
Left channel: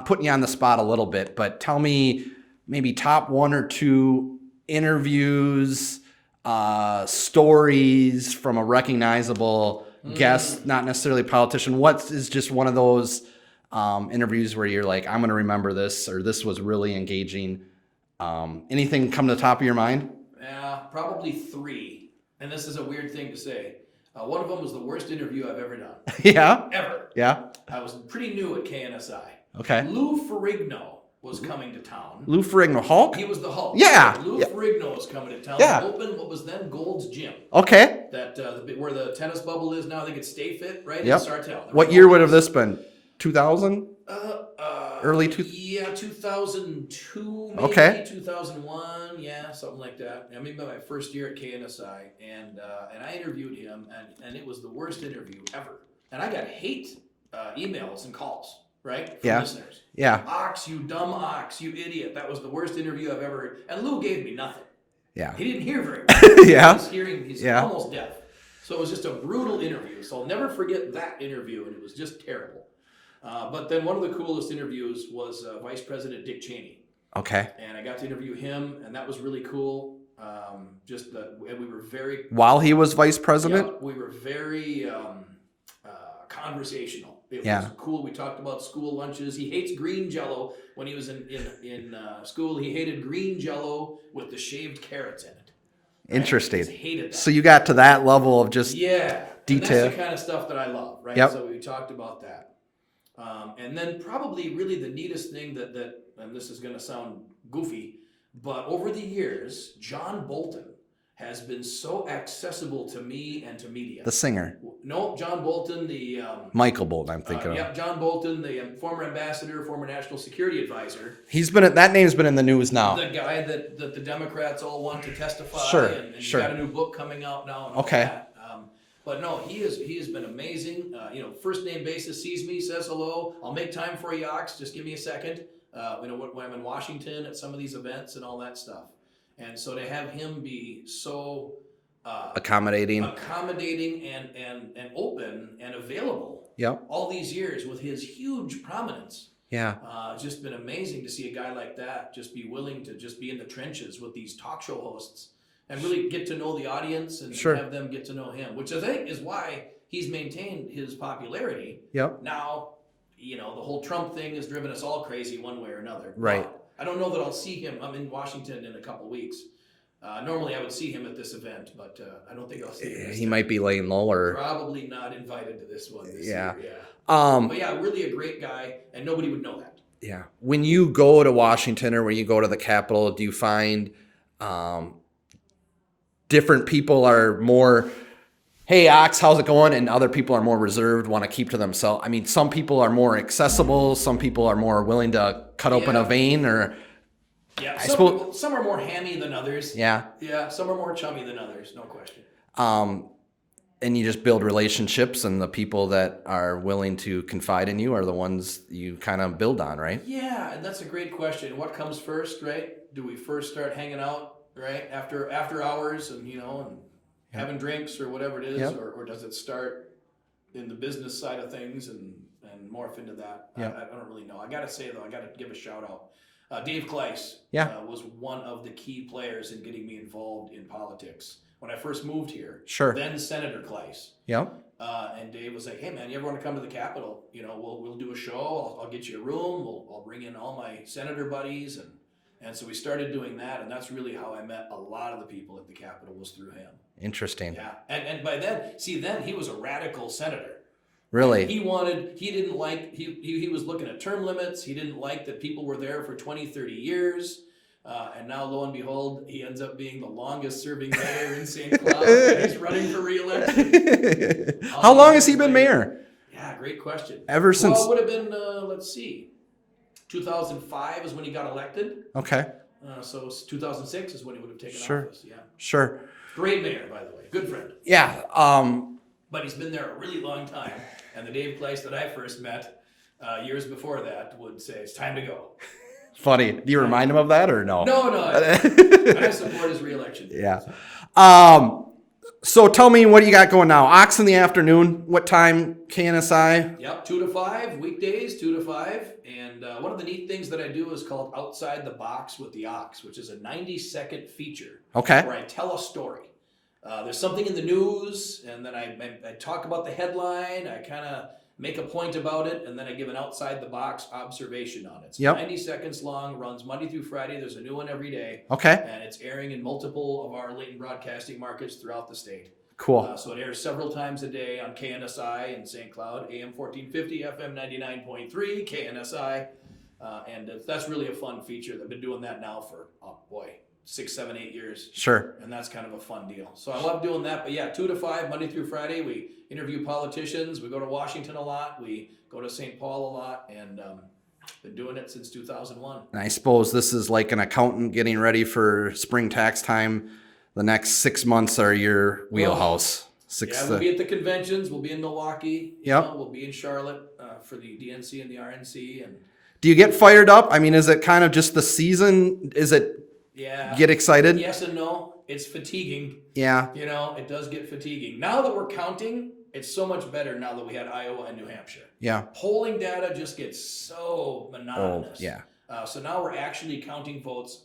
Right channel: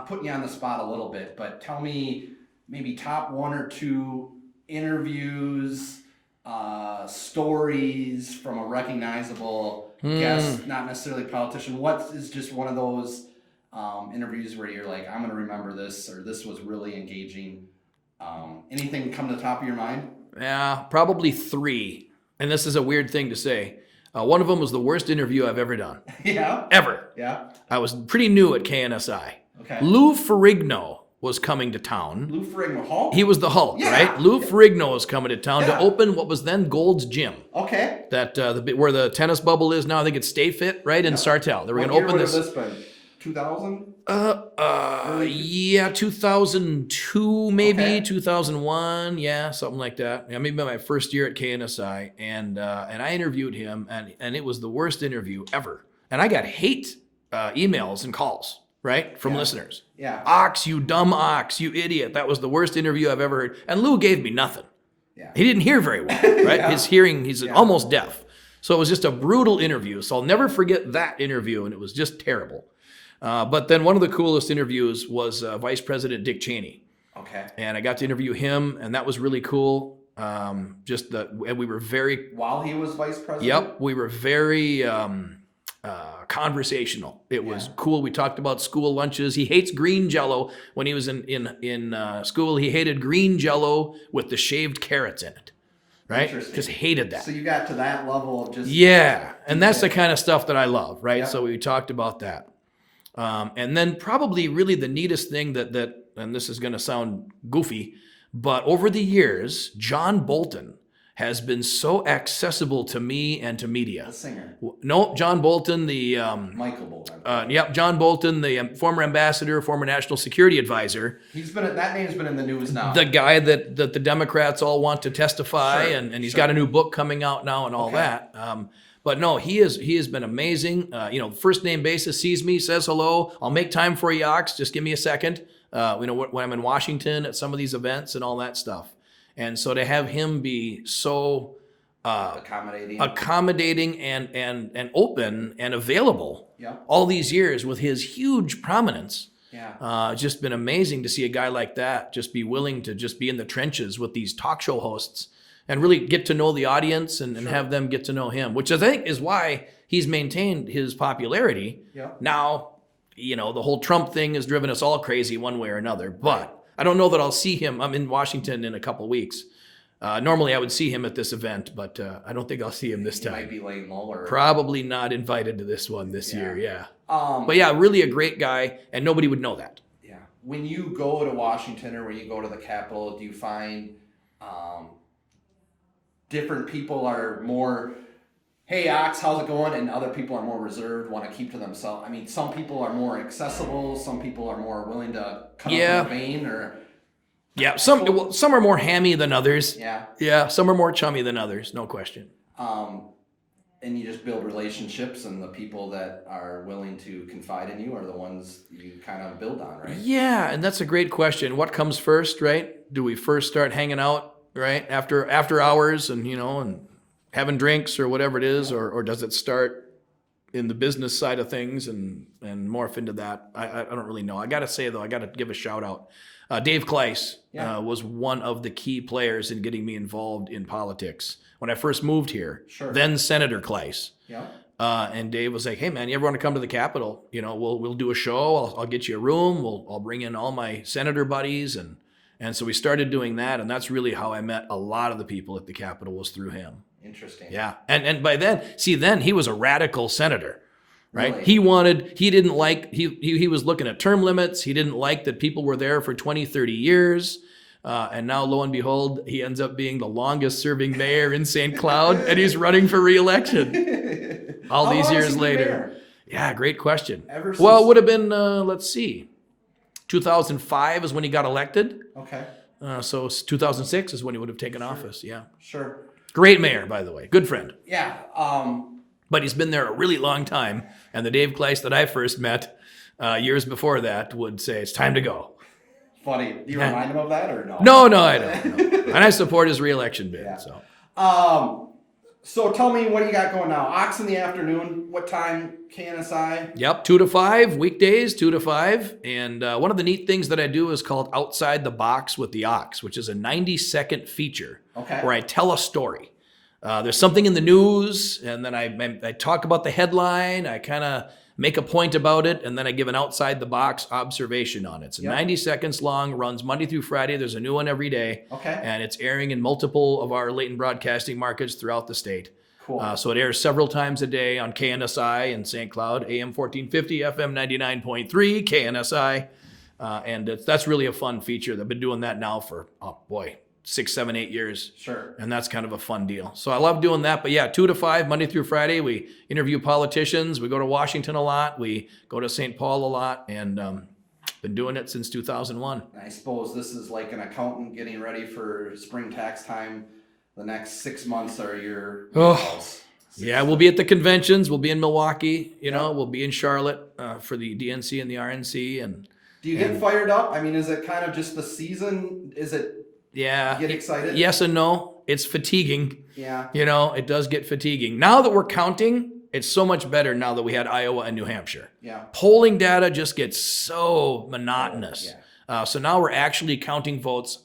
putting you on the spot a little bit, but tell me maybe top 1 or 2 interviews, stories from a recognizable guest, not necessarily politician. What is just one of those interviews where you're like, I'm going to remember this, or this was really engaging? Anything come to the top of your mind? Yeah, probably 3. And this is a weird thing to say. One of them was the worst interview I've ever done. Yeah? Ever. Yeah? I was pretty new at KNSI. Okay. Lou Ferrigno was coming to town. Lou Ferrigno, Hulk? He was the Hulk. Yeah. Right? Lou Ferrigno was coming to town to open what was then Gold's Gym. Okay. That where the tennis bubble is now. I think it's Stay Fit, right? In Sartell. What year would have this been? 2000? Early 2002 maybe, 2001, something like that. Maybe my first year at KNSI, and I interviewed him, and it was the worst interview ever. And I got hate emails and calls, right, from listeners. Yeah. Ox, you dumb Ox, you idiot. That was the worst interview I've ever heard. And Lou gave me nothing. Yeah. He didn't hear very well. Right? He's almost deaf. So it was just a brutal interview. So I'll never forget that interview, and it was just terrible. But then one of the coolest interviews was Vice President Dick Cheney. Okay. And I got to interview him, and that was really cool. And we were very... While he was vice president? Yep. We were very conversational. It was cool. We talked about school lunches. He hates green Jell-O. When he was in school, he hated green Jell-O with the shaved carrots in it. Right? Interesting. Just hated that. So you got to that level of just... Yeah. And that's the kind of stuff that I love, right? Yep. So we talked about that. And then probably really the neatest thing that and this is going to sound goofy, but over the years, John Bolton has been so accessible to me and to media. The singer. No, John Bolton, the... Michael Bolton, I'm thinking Yep, John Bolton, the former ambassador, former national security advisor. That name's been in the news now. The guy that the Democrats all want to testify, and he's got a new book coming out now and all that. But no, he has been amazing. First name basis, sees me, says hello. I'll make time for you, Ox. Just give me a second. When I'm in Washington at some of these events and all that stuff. And so to have him be so accommodating and open and available all these years with his huge prominence. Yeah. Just been amazing to see a guy like that just be willing to just be in the trenches with these talk show hosts and really get to know the audience and Sure. have them get to know him, which I think is why he's maintained his popularity. Yep. Now, the whole Trump thing has driven us all crazy one way or another. Right. But I don't know that I'll see him. I'm in Washington in a couple weeks. Normally I would see him at this event, but I don't think I'll see him this He time. might be laying low or... Probably not invited to this one this Yeah. year. Yeah. But But really a great guy, and nobody would know that. yeah, when you go to Washington or when you go to the Capitol, do you find different people are more, hey, Ox, how's it going? And other people are more reserved, want to keep to themselves. I mean, some people are more accessible. Some people are more willing to cut open Yeah. a vein or... Yeah, some are more hammy than others. Yeah. Yeah, some are more chummy than others, no question. And you just build relationships, and the people that are willing to confide in you are the ones you kind of build on, right? Yeah, and that's a great question. What comes first, right? Do we first start hanging out, right, after hours and and having drinks or whatever it is, Yep. or does it start in the business side of things and morph into that? I don't really know. I got to say though, I got to give a shout out. Dave Kleis was one of the key players in getting me involved in politics when I first moved here. Sure. Then Senator Kleis. Yeah. And Dave was like, "Hey man, you ever want to come to the Capitol? We'll do a show. I'll get you a room. I'll bring in all my senator buddies." And so we started doing that, and that's really how I met a lot of the people at the Capitol, was through him. Interesting. Yeah. And by then he was a radical senator. Really? Right? He was looking at term limits. He didn't like that people were there for 20, 30 years. And now, lo and behold, he ends up being the longest serving mayor in St. Cloud, and he's running for re-election. How long has he been mayor? Yeah, great question. Ever since... Well, it would have been, let's see, 2005 is when he got elected. Okay. So 2006 is when he would have taken Sure. office. Yeah. Sure. Great mayor, by the way. Good friend. Yeah. But he's been there a really long time. And the Dave Kleis that I first met years before that would say, it's time to go. Funny. Do you remind him of that or no? No. And I support his re-election bid. Yeah. So. So tell me, what do you got going now? Ox in the afternoon. What time? KNSI? Yep, 2 to 5, weekdays, 2 to 5. And one of the neat things that I do is called Outside the Box with the Ox, which is a 90-second feature. Okay. Where I tell a story. There's something in the news, and then I talk about the headline. I kind of make a point about it, and then I give an outside-the-box observation on it. It's 90 seconds long, runs Monday through Friday. There's a new one every day. Okay. And it's airing in multiple of our latent broadcasting markets throughout the state. Cool. So it airs several times a day on KNSI in St. Cloud, AM 1450, FM 99.3, KNSI. And that's really a fun feature. I've been doing that now for, 6, 7, 8 years. Sure. And that's kind of a fun deal. So I love doing that. But yeah, 2 to 5, Monday through Friday. We interview politicians. We go to Washington a lot. We go to St. Paul a lot. And been doing it since 2001. And I suppose this is like an accountant getting ready for spring tax time. The next 6 months are your wheelhouse. We'll be at the conventions. We'll be in Milwaukee. Yep. We'll be in Charlotte for the DNC and the RNC. And do you get fired up? I mean, is it kind of just the season? Is it... Yeah. Get excited? Yes and no. It's fatiguing. Yeah. It does get fatiguing. Now that we're counting, it's so much better now that we had Iowa and New Hampshire. Yeah. Polling data just gets so monotonous. Yeah. So now we're actually counting votes.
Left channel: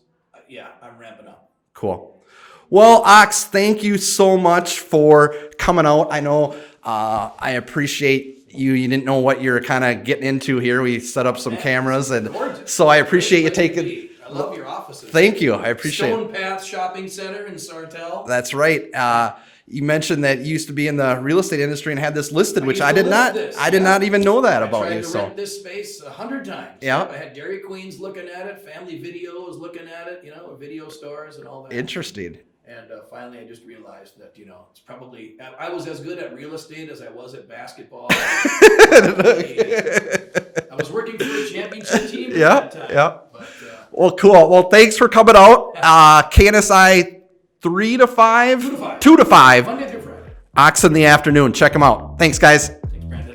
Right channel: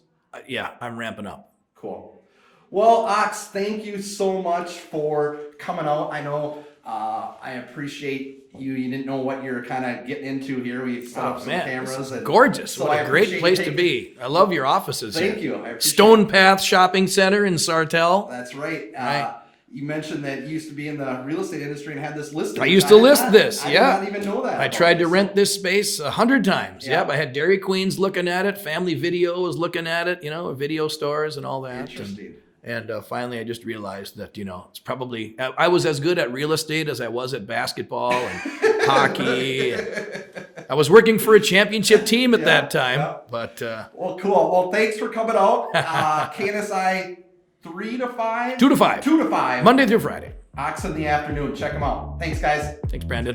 I'm ramping up. Cool. Well, Ox, thank you so much for coming out. I know I appreciate you didn't know what you're kind of getting into here. We set up some cameras and gorgeous. So I appreciate you taking. To be. I love your offices. Thank you. I appreciate Stone Path Shopping Center in Sartell. That's right. You mentioned that you used to be in the real estate industry and had this listed. I used to list this. I did not even know that. I tried to rent this space 100 times. Yeah. Yep. I had Dairy Queens looking at it. Family Video was looking at it. Video stores and all that. Interesting. And finally, I just realized that, it's probably, I was as good at real estate as I was at basketball and hockey. I was working for a championship team at that time. Yeah. But well, cool. Well, thanks for coming out. KNSI 3 to 5? 2 to 5. 2 to 5. Monday through Friday. Ox in the afternoon. Check them out. Thanks, guys. Thanks, Brandon.